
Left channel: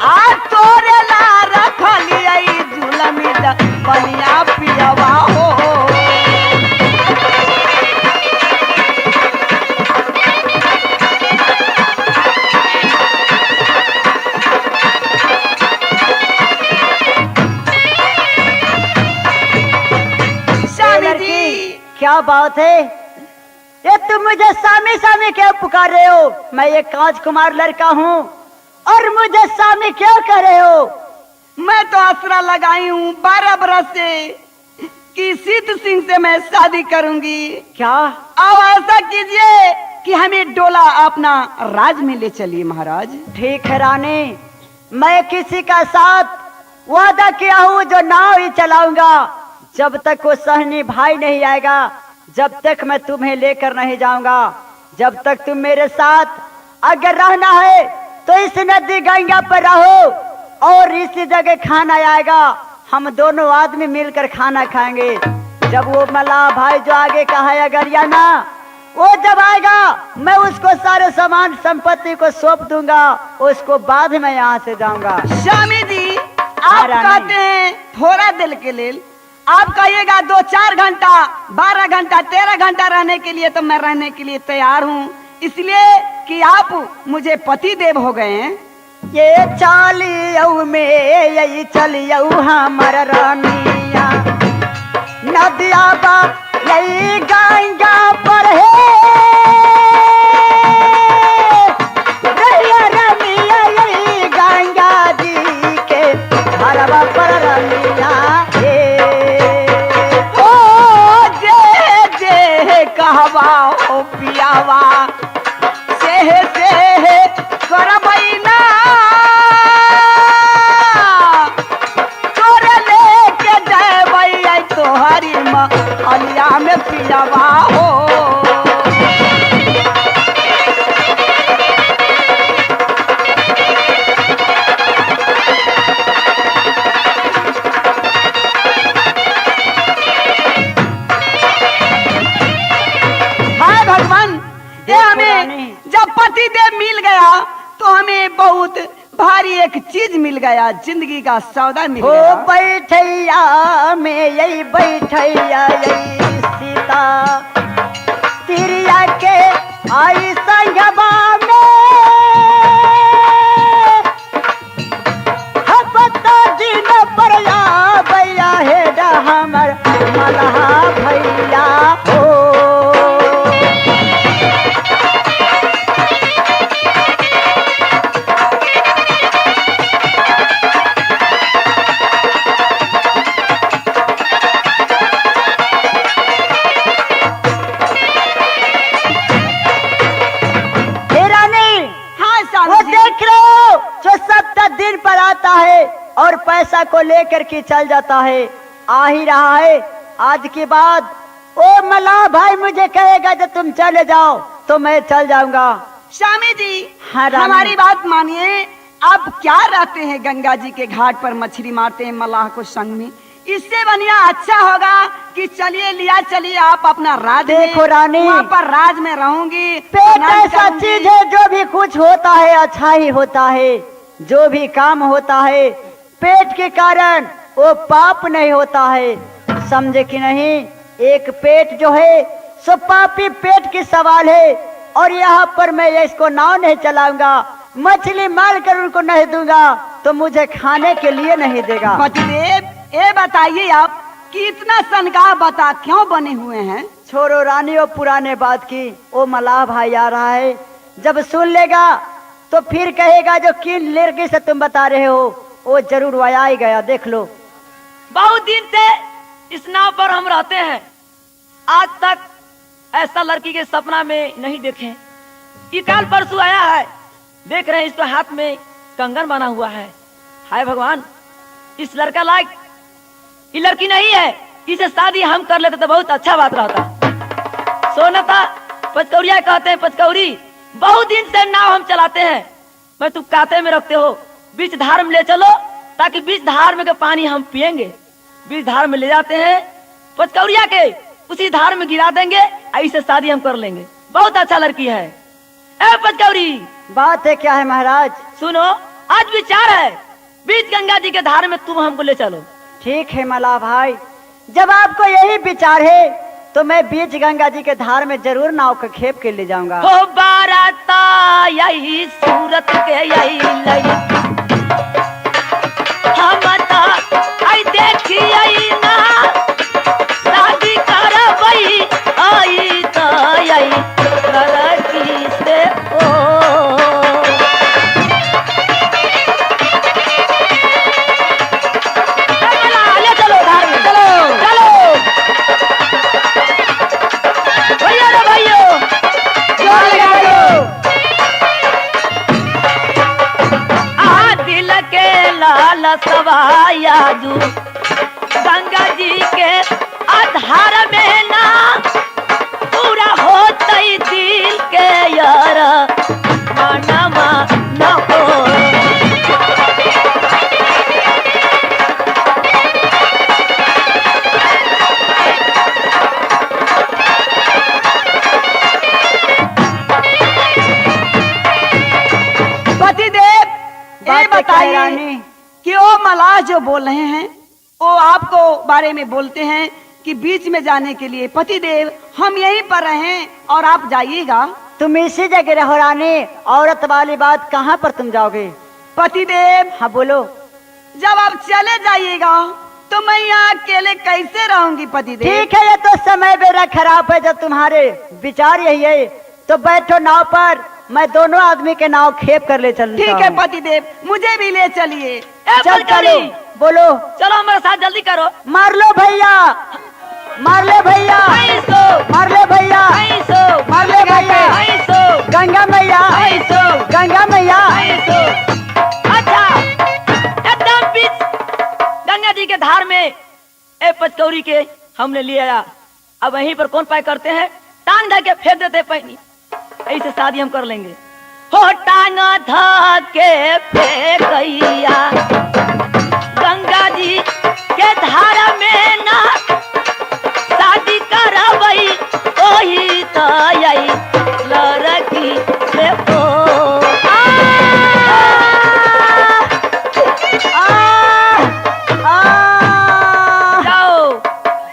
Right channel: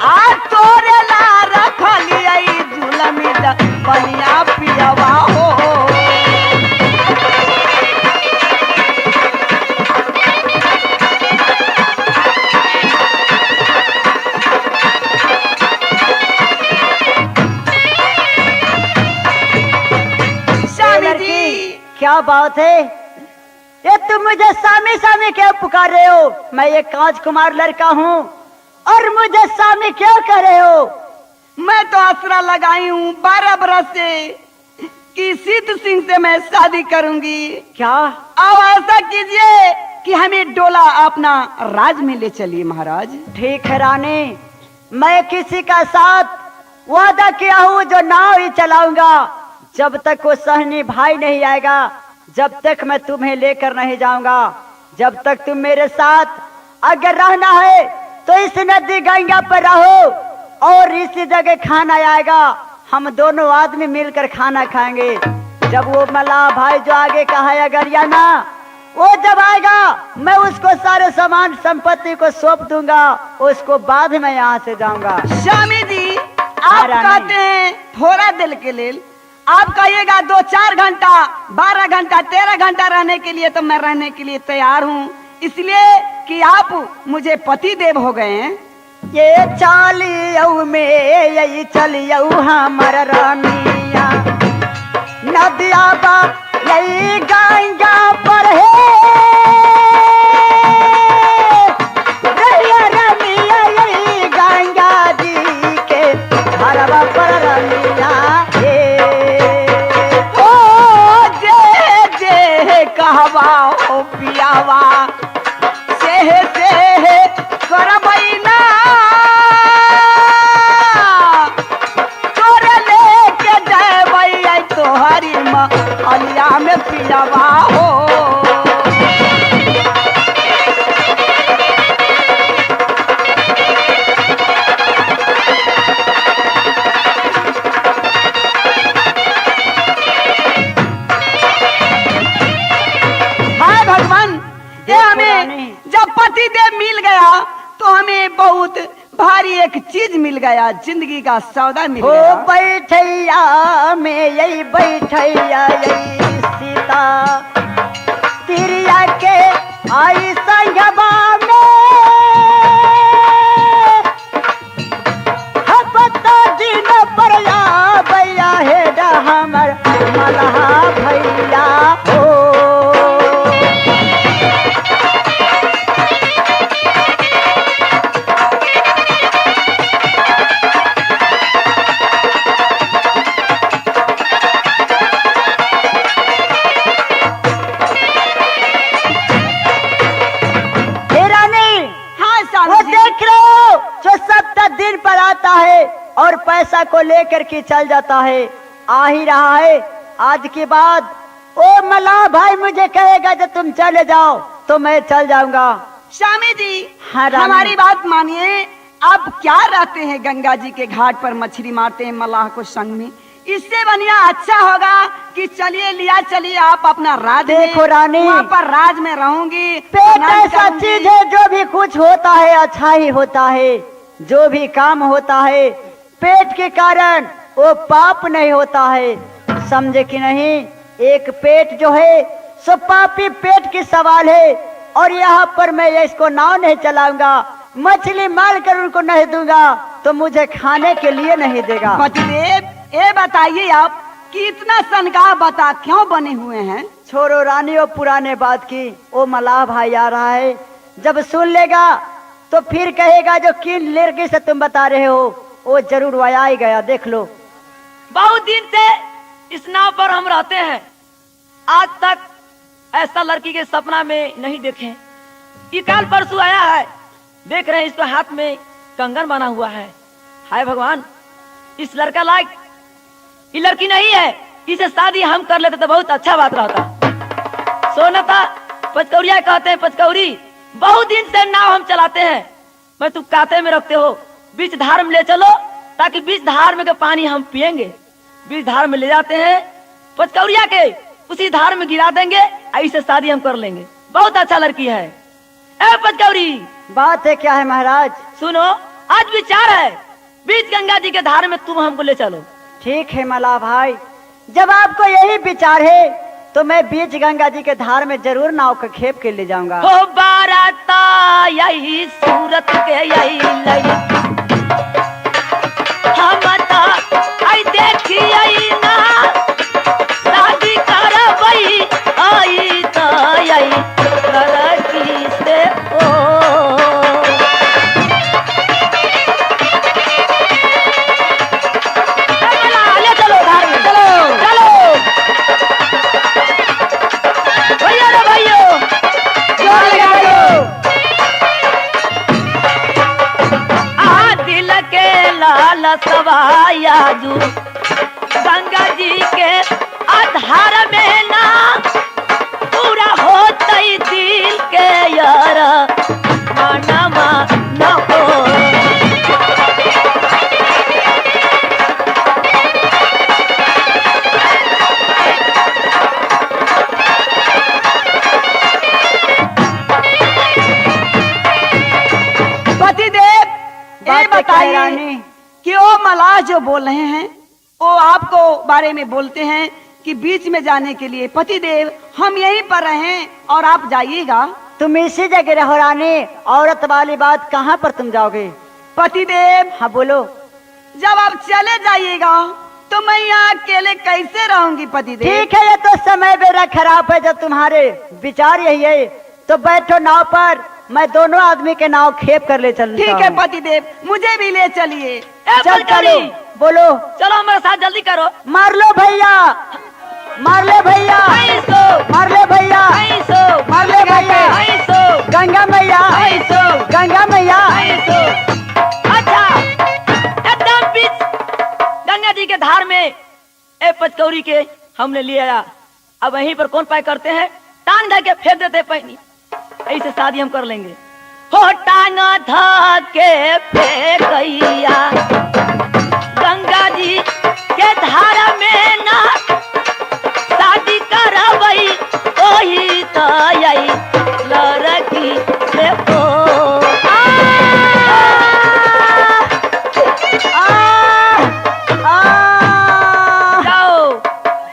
आ तोरे ला रखली झूलनी जबनिया पियवा हो क्या बात है? ये तुम मुझे सामी सामी क्यों पुकार रहे हो? मैं एक राजकुमार लड़का हूँ और मुझे सामी क्यों कर रहे हो? मैं तो आसरा लगाई हूँ 12 बरस से कि सिद्ध सिंह से मैं शादी करूंगी। क्या? अब ऐसा कीजिए कि हमें डोला अपना राज में ले चलिए महाराज। ठीक है रानी, मैं किसी का साथ वादा किया हूँ जो नाव ही चलाऊंगा। जब तक वो सहनी भाई नहीं आएगा, जब तक मैं तुम्हें लेकर नहीं जाऊंगा। जब तक तुम मेरे साथ अगर रहना है तो इस नदी गंगा पर रहो और इसी जगह खाना आएगा। हम दोनों आदमी मिलकर खाना खाएंगे। जब वो मल्लाह भाई जो आगे का है अगरियाना, वो जब आएगा मैं उसको सारे सामान संपत्ति को सौंप दूंगा। उसको बाद में यहाँ से जाऊंगा। स्वामी जी आप कहते हैं थोड़ा दिल के लिए, आप कहिएगा 2-4 घंटा 12 घंटा 13 घंटा रहने के लिए, तो मैं रहने के लिए तैयार हूँ, इसलिए कि आप मुझे पति देव हो गए हैं। ये चालियऊ में यही चलियऊ हमर रानिया नदिया बा यही गंगा पर है रैया रानिया यही गंगा जी के हरवा पर रानिया कहवा हो पियावा से करबैना तोर लेके जैबै तोहरी अलिया में पियावा हो। जब पति देव मिल गया तो हमें बहुत भारी एक चीज मिल गया, जिंदगी का सौदा मिल गया। बैठैया में यही बैठैया यही सीता तिरिया के आई संगवा में हपता दिन पर भैया हे हमर मलहा भैया हो। और पैसा को लेकर के चल जाता है, आ ही रहा है। आज के बाद ओ मल्लाह भाई मुझे कहेगा जब तुम चले जाओ तो मैं चल जाऊंगा। स्वामी जी हमारी बात मानिए, आप क्या रहते हैं गंगा जी के घाट पर मछली मारते हैं मल्लाह को संग में, इससे बढ़िया अच्छा होगा कि चलिए लिया चलिए आप अपना राज। देखो रानी, वहाँ पर राज में रहूंगी। पेट ऐसा चीज है जो भी कुछ होता है अच्छा ही होता है। जो भी काम होता है पेट के कारण वो पाप नहीं होता है, समझे कि नहीं। एक पेट जो है सो पापी पेट की सवाल है। और यहाँ पर मैं इसको नाव नहीं चलाऊंगा, मछली मार कर उनको नहीं दूंगा तो मुझे खाने के लिए नहीं देगा। पतिदेव ये बताइए आप कि इतना सनगा बता क्यों बने हुए हैं? छोड़ो रानी वो पुराने बात की। ओ मलाह भाई आ रहा है, जब सुन लेगा तो फिर कहेगा जो किन लड़की से तुम बता रहे हो वो जरूर वह ही गया, देख लो। बहुत दिन से इस नाव पर हम रहते हैं, आज तक ऐसा लड़की के सपना में नहीं देखे। इताल परसों आया है, देख रहे हैं इसके हाथ में कंगन बना हुआ है। हाय भगवान, इस लड़का लायक ये लड़की नहीं है, इसे शादी हम कर लेते तो बहुत अच्छा बात रहता। सोनता पचकौड़िया कहते हैं, पचकौड़ी बहुत दिन से नाव हम चलाते हैं, मैं तुम काते में रखते हो, बीच धार में ले चलो ताकि बीच धार में का पानी हम पिएंगे। बीच धार में ले जाते हैं पचकौड़िया के, उसी धार में गिरा देंगे, ऐसे शादी हम कर लेंगे। बहुत अच्छा लड़की है। ए पचकौड़ी, बात है क्या है महाराज? सुनो, आज विचार है बीच गंगा जी के धार में तुम हमको ले चलो। ठीक है मलाह भाई, जब आपको यही विचार है तो मैं बीच गंगा जी के धार में जरूर नाव का खेप के ले जाऊंगा। हो बाराता यही सूरत के यही लई, हम आई देखी आई ना शादी करबई, आई तो यही लड़की से ले चलो धार में, चलो चलो भैया रे भैया, दिल के लाल सवाया जू गंगा जी के आधार में ना पूरा होता ही दिल के यार मानवा न हो। ये बताइए रानी कि वो मलाह जो बोल रहे हैं वो आपको बारे में बोलते हैं कि बीच में जाने के लिए पतिदेव हम यहीं पर रहें और आप जाइएगा। तुम इसी जगह रहो रानी, औरत वाली बात कहाँ पर तुम जाओगे? पतिदेव, हाँ बोलो। जब आप चले जाइएगा तो मैं यहाँ अकेले कैसे रहूंगी पतिदेव? ठीक है, ये तो समय मेरा खराब है, जब तुम्हारे विचार यही है तो बैठो नाव पर, मैं दोनों आदमी के नाव खेप कर ले चलूंगा। ठीक है पतिदेव, मुझे भी ले चलिए। चल चलो, बोलो। चलो हमारे साथ जल्दी करो। मार लो भैया, मार ले भैया, मार ले भैया, मार ले भैया, गंगा मैया, गंगा मैया। अच्छा, एकदम बीच गंगा जी के धार में ए पचकौड़ी के हमने ले आया। अब वहीं पर कौन पाए करते हैं, टांग धा के फेंक देते पानी, ऐसे शादी हम कर लेंगे। हो टांग धा के फेंकैया गंगा जी के धार में ना शादी करबई, ओही तो यही लड़की से जाओ।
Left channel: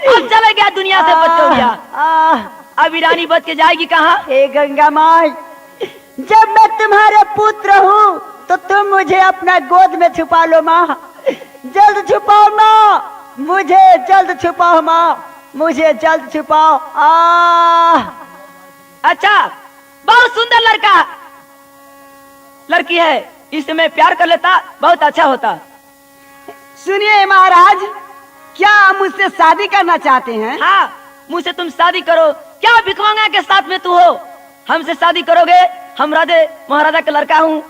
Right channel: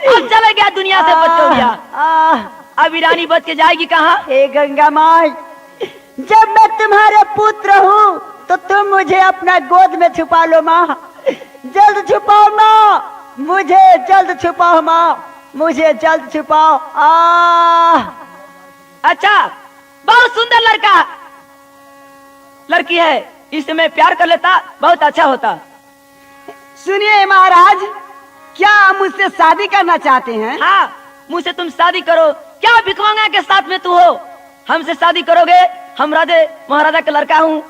अब चले गया दुनिया से पचकौड़िया, अब ईरानी बच के जाएगी कहाँ? हे गंगा माई, जब मैं तुम्हारे पुत्र हूँ तो तुम मुझे अपना गोद में छुपा लो माँ, जल्द छुपाओ माँ, मुझे जल्द छुपाओ माँ, मुझे जल्द छुपाओ। अच्छा, बहुत सुंदर लड़का लड़की है, इससे मैं प्यार कर लेता, बहुत अच्छा होता। सुनिए महाराज, क्या आप मुझसे शादी करना चाहते हैं? हाँ, मुझसे तुम शादी करो। क्या भिखमंगा के साथ में तू हो, हमसे शादी करोगे? हम राधे महाराजा के लड़का हूँ,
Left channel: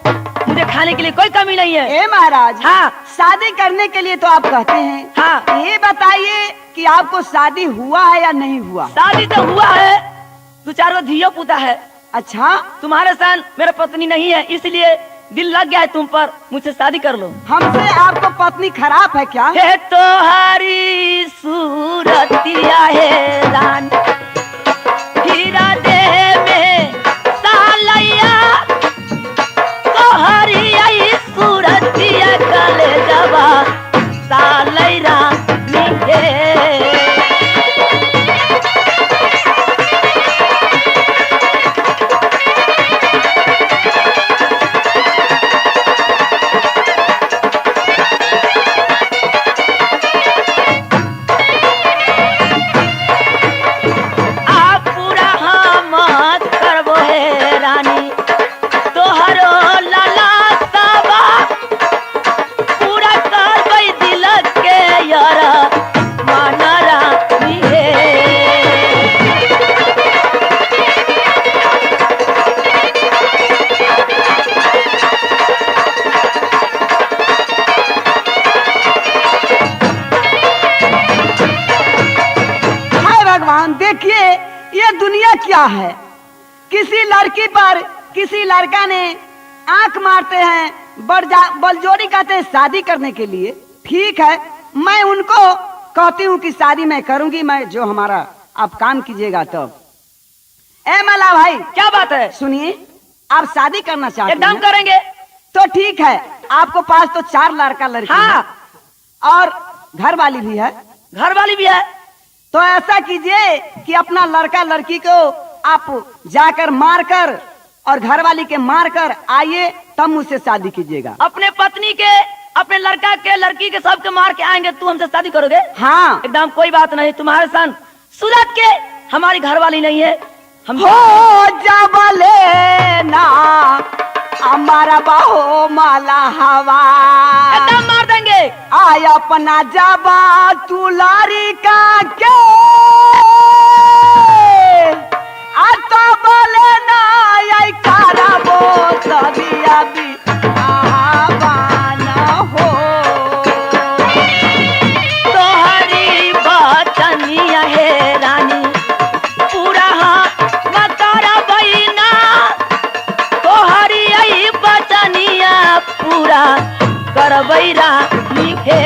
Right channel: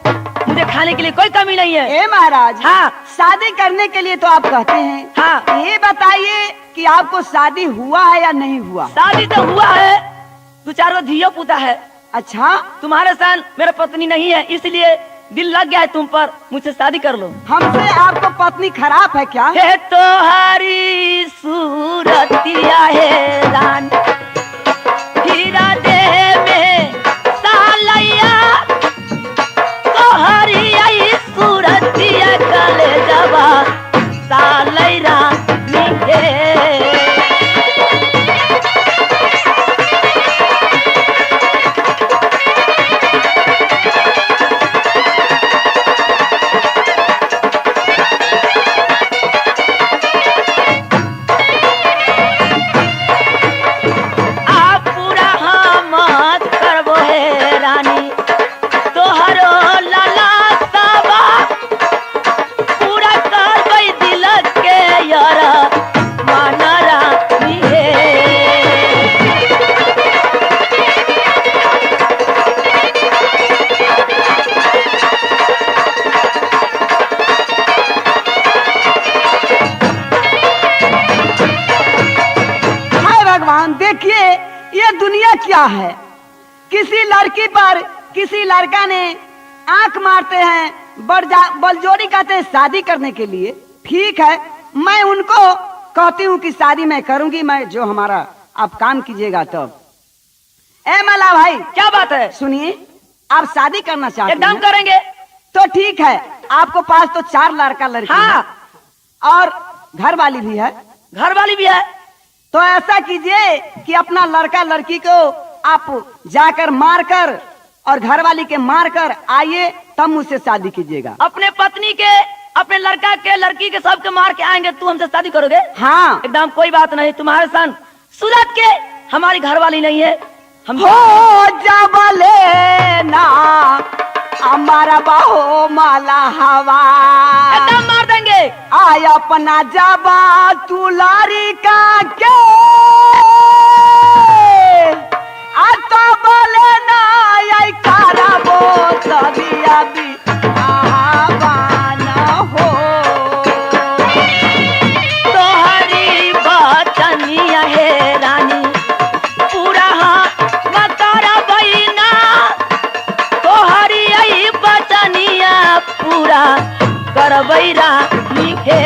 मुझे खाने के लिए कोई कमी नहीं है। ए महाराज, हाँ, शादी करने के लिए तो आप कहते हैं। हाँ, ये बताइए कि आपको शादी हुआ है या नहीं हुआ? शादी तो हुआ है, 2-4 धियो पुता है। अच्छा, तुम्हारे साथ मेरा पत्नी नहीं है, इसलिए दिल लग गया है तुम पर, मुझसे शादी कर लो। हमसे आपको पत्नी खराब है क्या? हे तोहारी सूरतिया है रान, हीरा दे में सालैया, तोहारी आई सूरतिया कले जवा सालै रानी दे। क्या है, किसी लड़की पर किसी लड़का ने आंख मारते हैं, बलजोड़ी कहते हैं शादी करने के लिए। ठीक है, मैं उनको कहती हूँ कि शादी मैं करूंगी, मैं जो हमारा आप काम कीजिएगा तब। ए मला भाई, क्या बात है? सुनिए, आप शादी करना चाहते एकदम हैं करेंगे। तो ठीक है, आपको पास तो 4 लड़का लड़की हाँ। है और घर वाली भी है। घर वाली भी है। तो ऐसा कीजिए कि अपना लड़का लड़की को आप जाकर मारकर और घर वाली के मारकर आइए, तब मुझसे शादी कीजिएगा। अपने पत्नी के, अपने लड़का के, लड़की के सबके मार के आएंगे, तू हमसे शादी करोगे? हाँ, एकदम कोई बात नहीं। तुम्हारे सन सूरत के हमारी घर वाली नहीं है। हम हो जबले ना हमारा बाहो माला हवा, एकदम मार देंगे। आय अपना जबा तुलारी का के तो बोले ना आई करबो तभी अभी आवाना हो। तोहरी बचनिया है रानी, पूरा मतारा बहिना, तोहरी आई बचनिया पूरा करबै रानी के।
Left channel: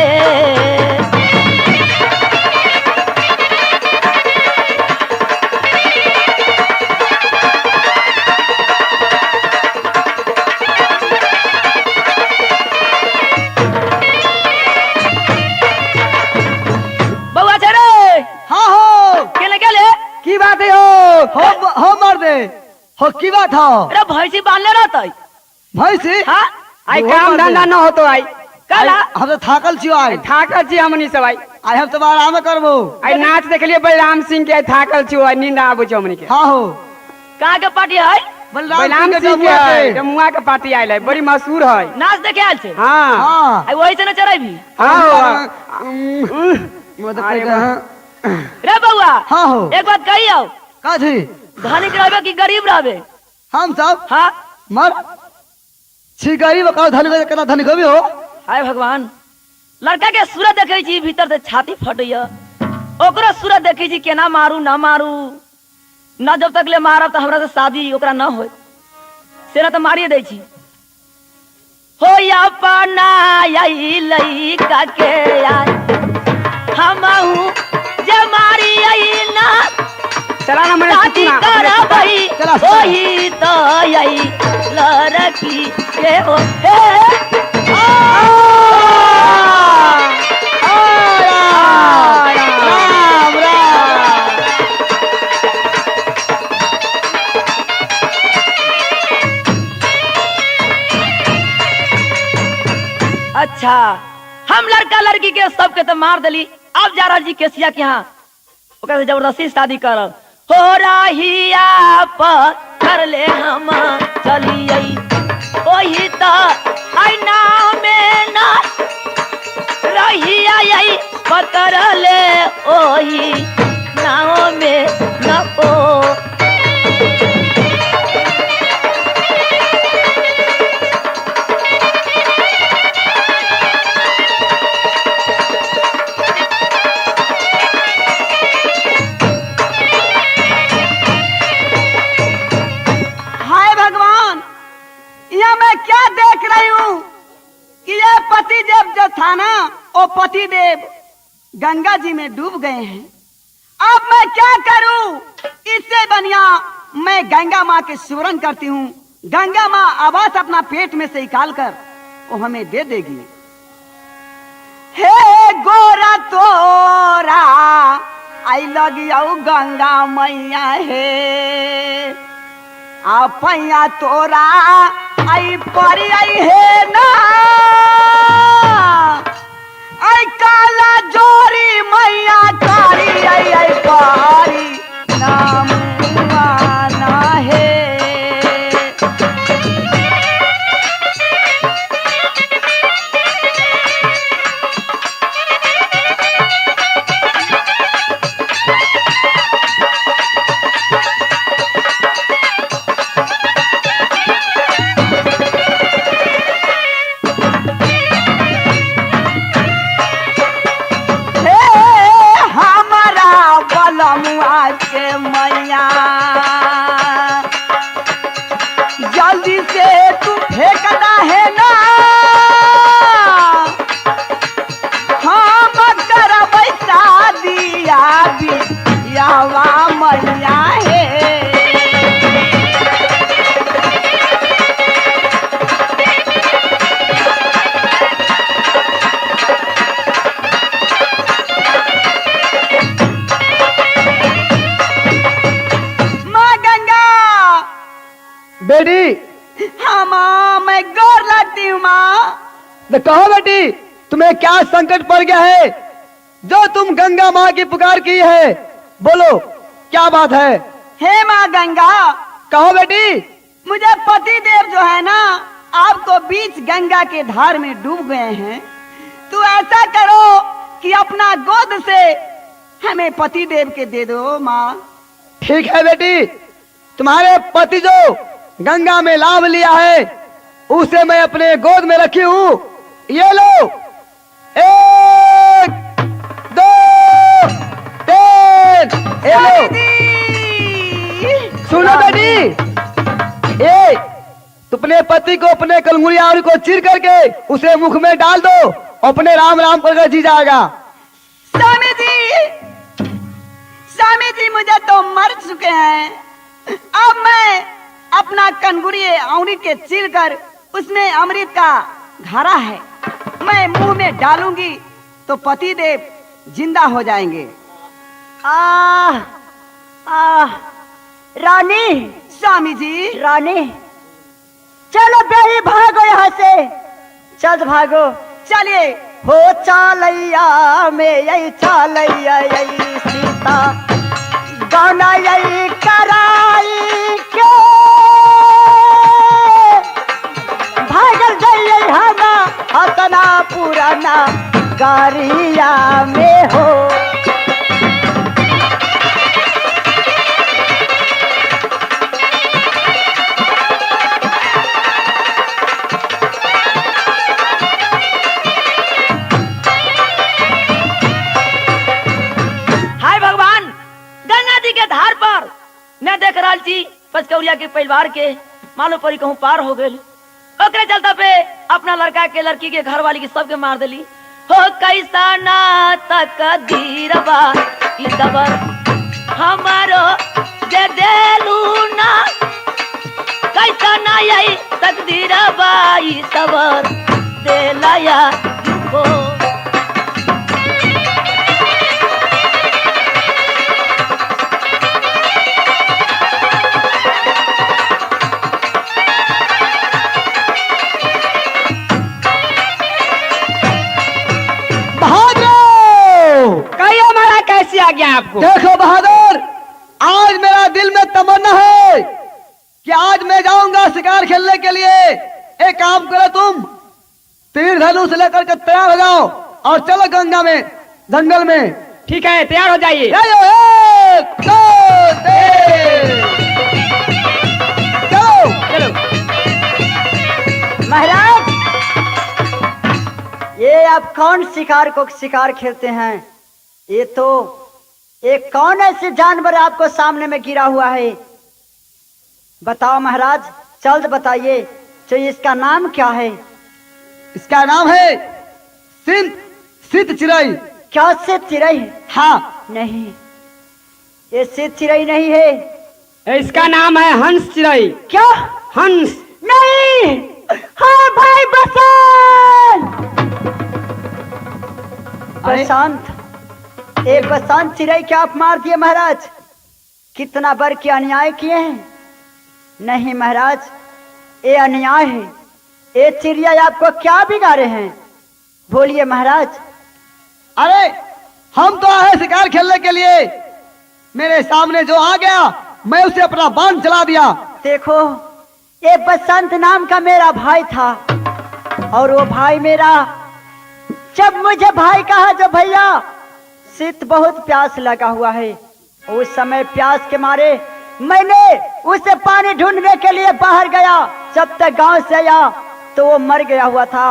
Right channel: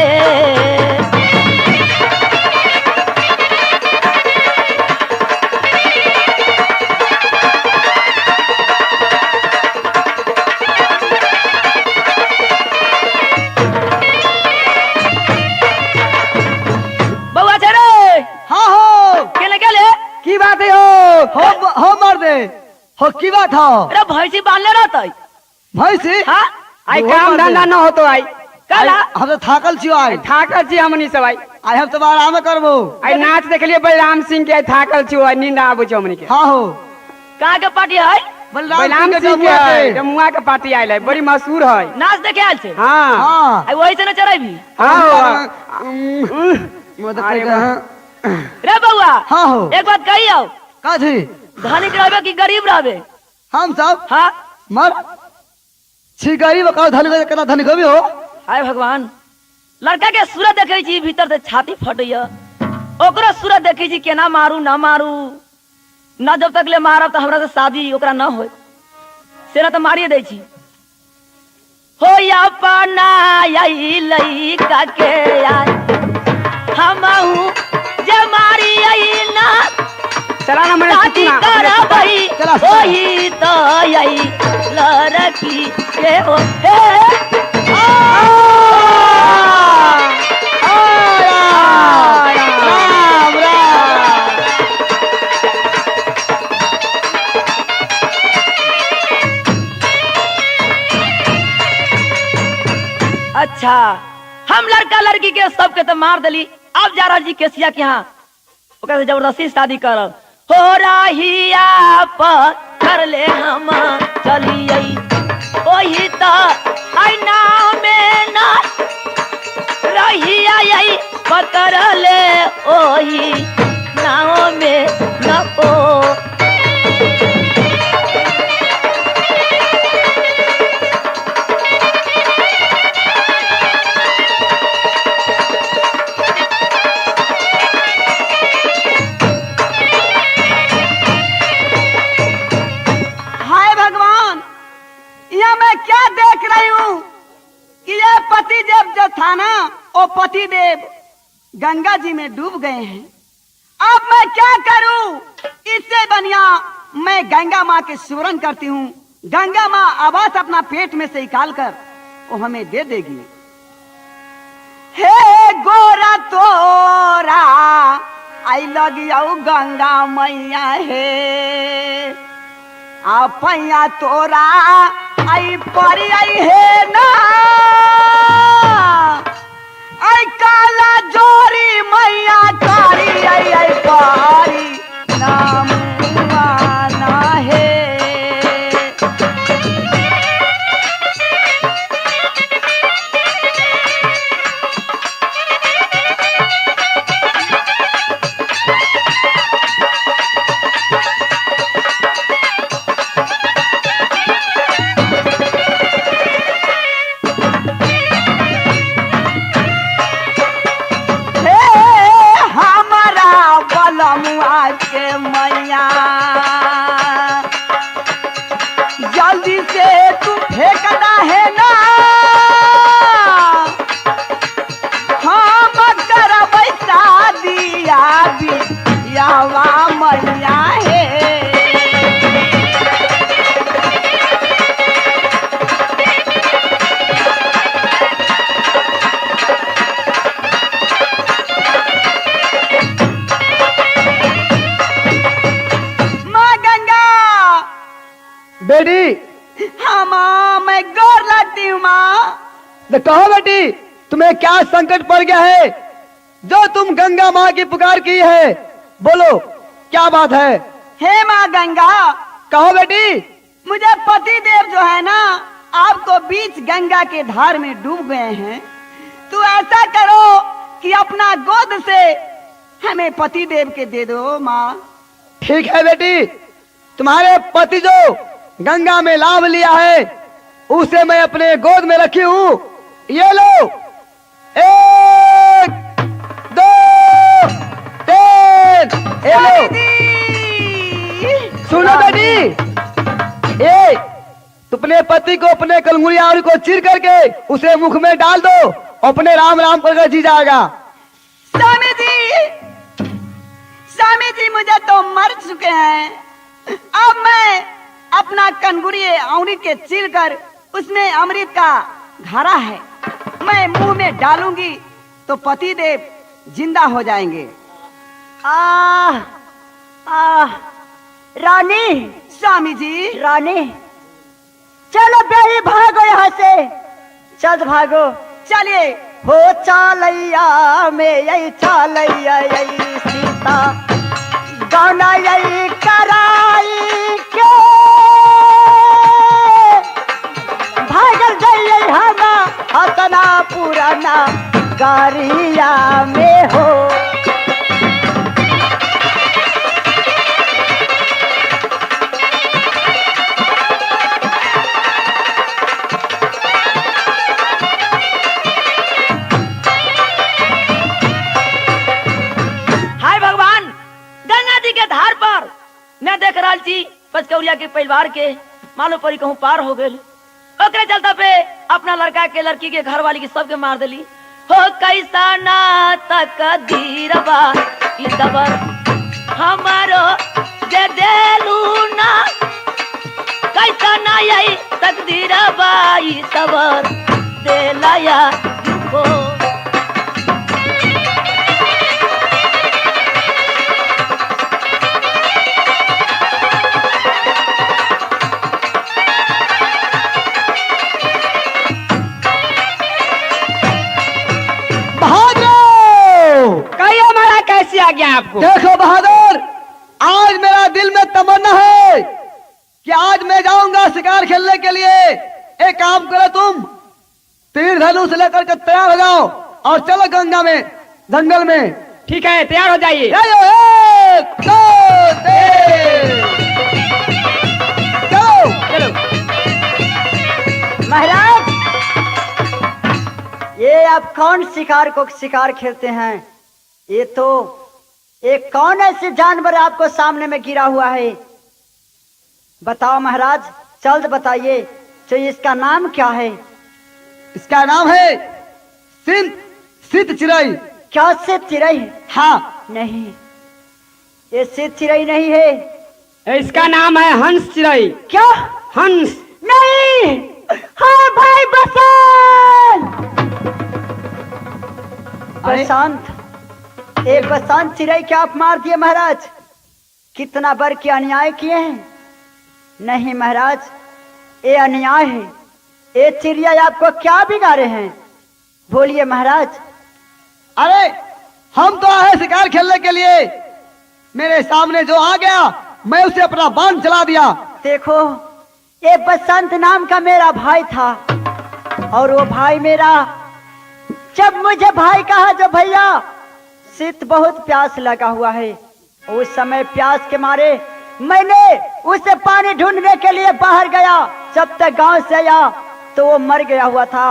बउआ छड़े हाँ हो, केले केले की बात है हो मर दे हो, की बात हो अरे भैंसी बांधले रहते। भैंसी हाँ, आई काम धंधा न हो तो आई काला हम तो थाकल छियो, आई थाकल छी हमनी सब, आई हम तो आराम करबो। आई नाच देख लिए बलराम सिंह के, थाकल छियो, आई नींद आबो छ हमनी के। हाँ हो, कहाँ के पार्टी है? बलराम सिंह के जमुआ के पार्टी आयल है, बड़ी मशहूर है। नाच देखे आयल छे। हाँ हाँ आई वही से न चढ़ेबी। रे बउआ, हाँ हो, एक बात कही आओ, का थी धनी रहबे कि गरीब रहबे? हम सब हाँ, मर छी गरीब का धनी कदा धनी कभी हो। आय भगवान, लड़का के सूरत देखे छी, भीतर से छाती फटैया। ओकरो सूरत देखे छी, केना मारू ना मारू, न जब तक ले मारब तो हमरा से शादी ओकरा न होय, सेना तो मारिए दै छी। हो या पाना यही लइका के आय, हमहू जे मारी यही ना चला ना मैंने शादी करबई, चला वही तो यही लड़की के हो। राम राम। अच्छा, हम लड़का लड़की के सबके तो मार दिली, अब जा रही केसिया के यहाँ, ओकरा से जबरदस्ती शादी करब। हो रहिया पर कर ले हम चलिए, वही तो आईना में ना रहिया यही पतर ले, ओही नाव में न ओ। हाय भगवान, यह मैं क्या देख रही हूँ कि ये पति देव जो था ना, वो पति देव गंगा जी में डूब गए हैं। अब मैं क्या करूं? इससे बढ़िया मैं गंगा माँ के सुरन करती हूँ। गंगा माँ आवाज अपना पेट में से निकाल कर वो हमें दे देगी। हे गोरा तोरा आई लगियो गंगा मैया हे, आपैया तोरा आई परी आई है ना, आई काला जोरी मैया कारी आई आई कारी नाम ना है। बेटी, हाँ माँ, मैं गौर लगती हूँ माँ। तो कहो बेटी, तुम्हें क्या संकट पड़ गया है जो तुम गंगा माँ की पुकार की है? बोलो, क्या बात है? हे माँ गंगा, कहो बेटी। मुझे पति देव जो है ना, आपको बीच गंगा के धार में डूब गए हैं। तो ऐसा करो कि अपना गोद से हमें पति देव के दे दो माँ। ठीक है बेटी, तुम्हारे पति जो गंगा में लाभ लिया है उसे मैं अपने गोद में रखी हूँ। ये लो, 1 2 3, ये लो। सुनो बेटी, ये अपने पति को अपने कलमुड़िया को चीर करके उसे मुख में डाल दो, अपने राम राम करके जी जाएगा। स्वामी जी मुझे तो मर चुके हैं। अब मैं अपना कनगुड़ी औंरी के चीर कर उसमें अमृत का धारा है, मैं मुंह में डालूंगी तो पति देव जिंदा हो जाएंगे। रानी, स्वामी जी, रानी, चलो बेरी भागो यहाँ से, चल भागो। चलिए। हो चालैया में यही चालैया यही सीता गाना यही कराई के भागल गई हमा हतना पुराना गारिया में हो। मैं देख रहा थी पचकौरिया के परिवार के मालूम पड़ी कहूँ पार हो गई। ओकरे चलता पे अपना लड़का के लड़की के घर वाली की सबके मार दिली। हो कैसा ना तकदीरवा ई सबर हमारो दे देलू ना, कैसा ना यही तकदीरवा ई सबर देलाया को। आपको देखो बहादुर, आज मेरा दिल में तमन्ना है कि आज मैं जाऊंगा शिकार खेलने के लिए। एक काम करो, तुम तीर धनुष लेकर के तैयार हो जाओ और चलो गंगा में, जंगल में। ठीक है, तैयार हो जाइए। 1 2 3 चलो। महाराज, ये आप कौन शिकार को शिकार खेलते हैं? ये तो एक कौन ऐसे जानवर आपको सामने में गिरा हुआ है? बताओ महाराज, जल्द बताइए। तो इसका नाम क्या है? इसका नाम है सित चिरई। क्या सित चिरई? हाँ। नहीं, ये सित चिरई नहीं है। इसका नाम है हंस चिरई। क्या? हंस नहीं। हाँ भाई बसंत। बसंत, एक बसंत चिड़ै क्या आप मार दिए महाराज? कितना बर के अन्याय किए हैं। नहीं महाराज, ये अन्याय है। ये चिड़िया आपको क्या बिगाड़े हैं? बोलिए महाराज। अरे हम तो आए शिकार खेलने के लिए, मेरे सामने जो आ गया मैं उसे अपना बाण चला दिया। देखो, ये बसंत नाम का मेरा भाई था और वो भाई मेरा, जब मुझे भाई कहा, जब भैया शीत बहुत प्यास लगा हुआ है, उस समय प्यास के मारे मैंने उसे पानी ढूंढने के लिए बाहर गया। जब तक गांव से आया तो वो मर गया हुआ था,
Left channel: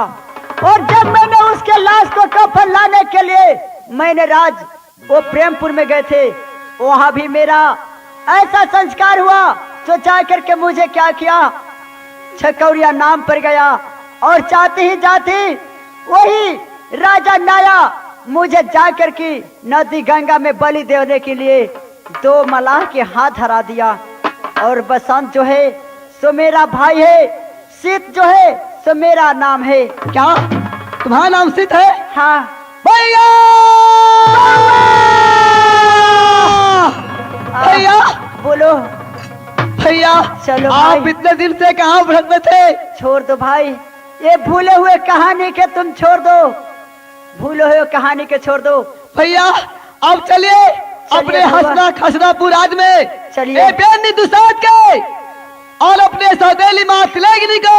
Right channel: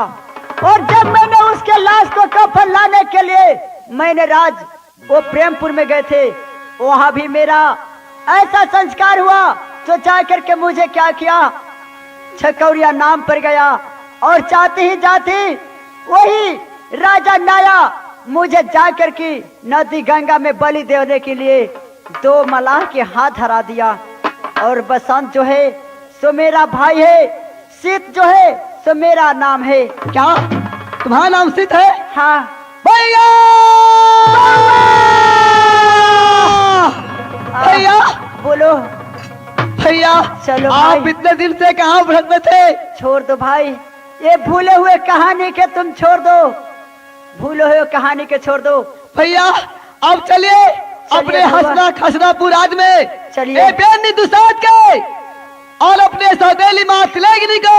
और जब मैंने उसके लाश को कफन लाने के लिए मैंने वो प्रेमपुर में गए थे, वहां भी मेरा ऐसा संस्कार हुआ तो जाकर के मुझे क्या किया, छकौरिया नाम पर गया और जाते ही जाते वही राजा नाया मुझे जाकर के नदी गंगा में बलि देने के लिए 2 मलाह के हाथ धरा दिया। और बसंत जो है सो मेरा भाई है, शीत जो है सो मेरा नाम है। क्या तुम्हारा नाम शीत है? हाँ भैया, भैया, बोलो। भैया चलो आप भाई। इतने दिन से कहाँ भटक में थे? छोड़ दो भाई, ये भूले हुए कहानी के तुम छोड़ दो, भूले हुए कहानी के छोड़ दो। भैया अब चलिए अपने भैया। हंसना खसनापुर राज में चलिए। बेनी दुसाद के और अपने सौतेली माँ सिलेगिनी को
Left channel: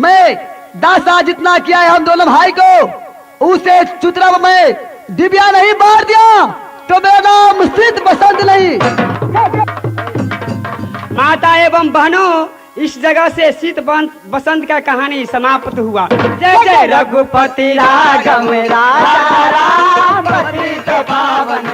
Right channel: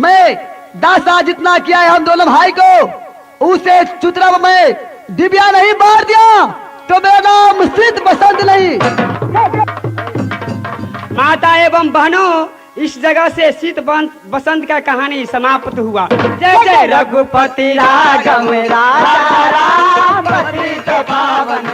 मैं दासा जितना किया है हम दोनों भाई को, उसे चुतरा में दिव्या नहीं मार दिया तो मेरा नाम सिद्ध बसंत नहीं। माता एवं बहनों, इस जगह से शीत बसंत का कहानी समाप्त हुआ। जय जय रघुपति राघव राजा राम पतित पावन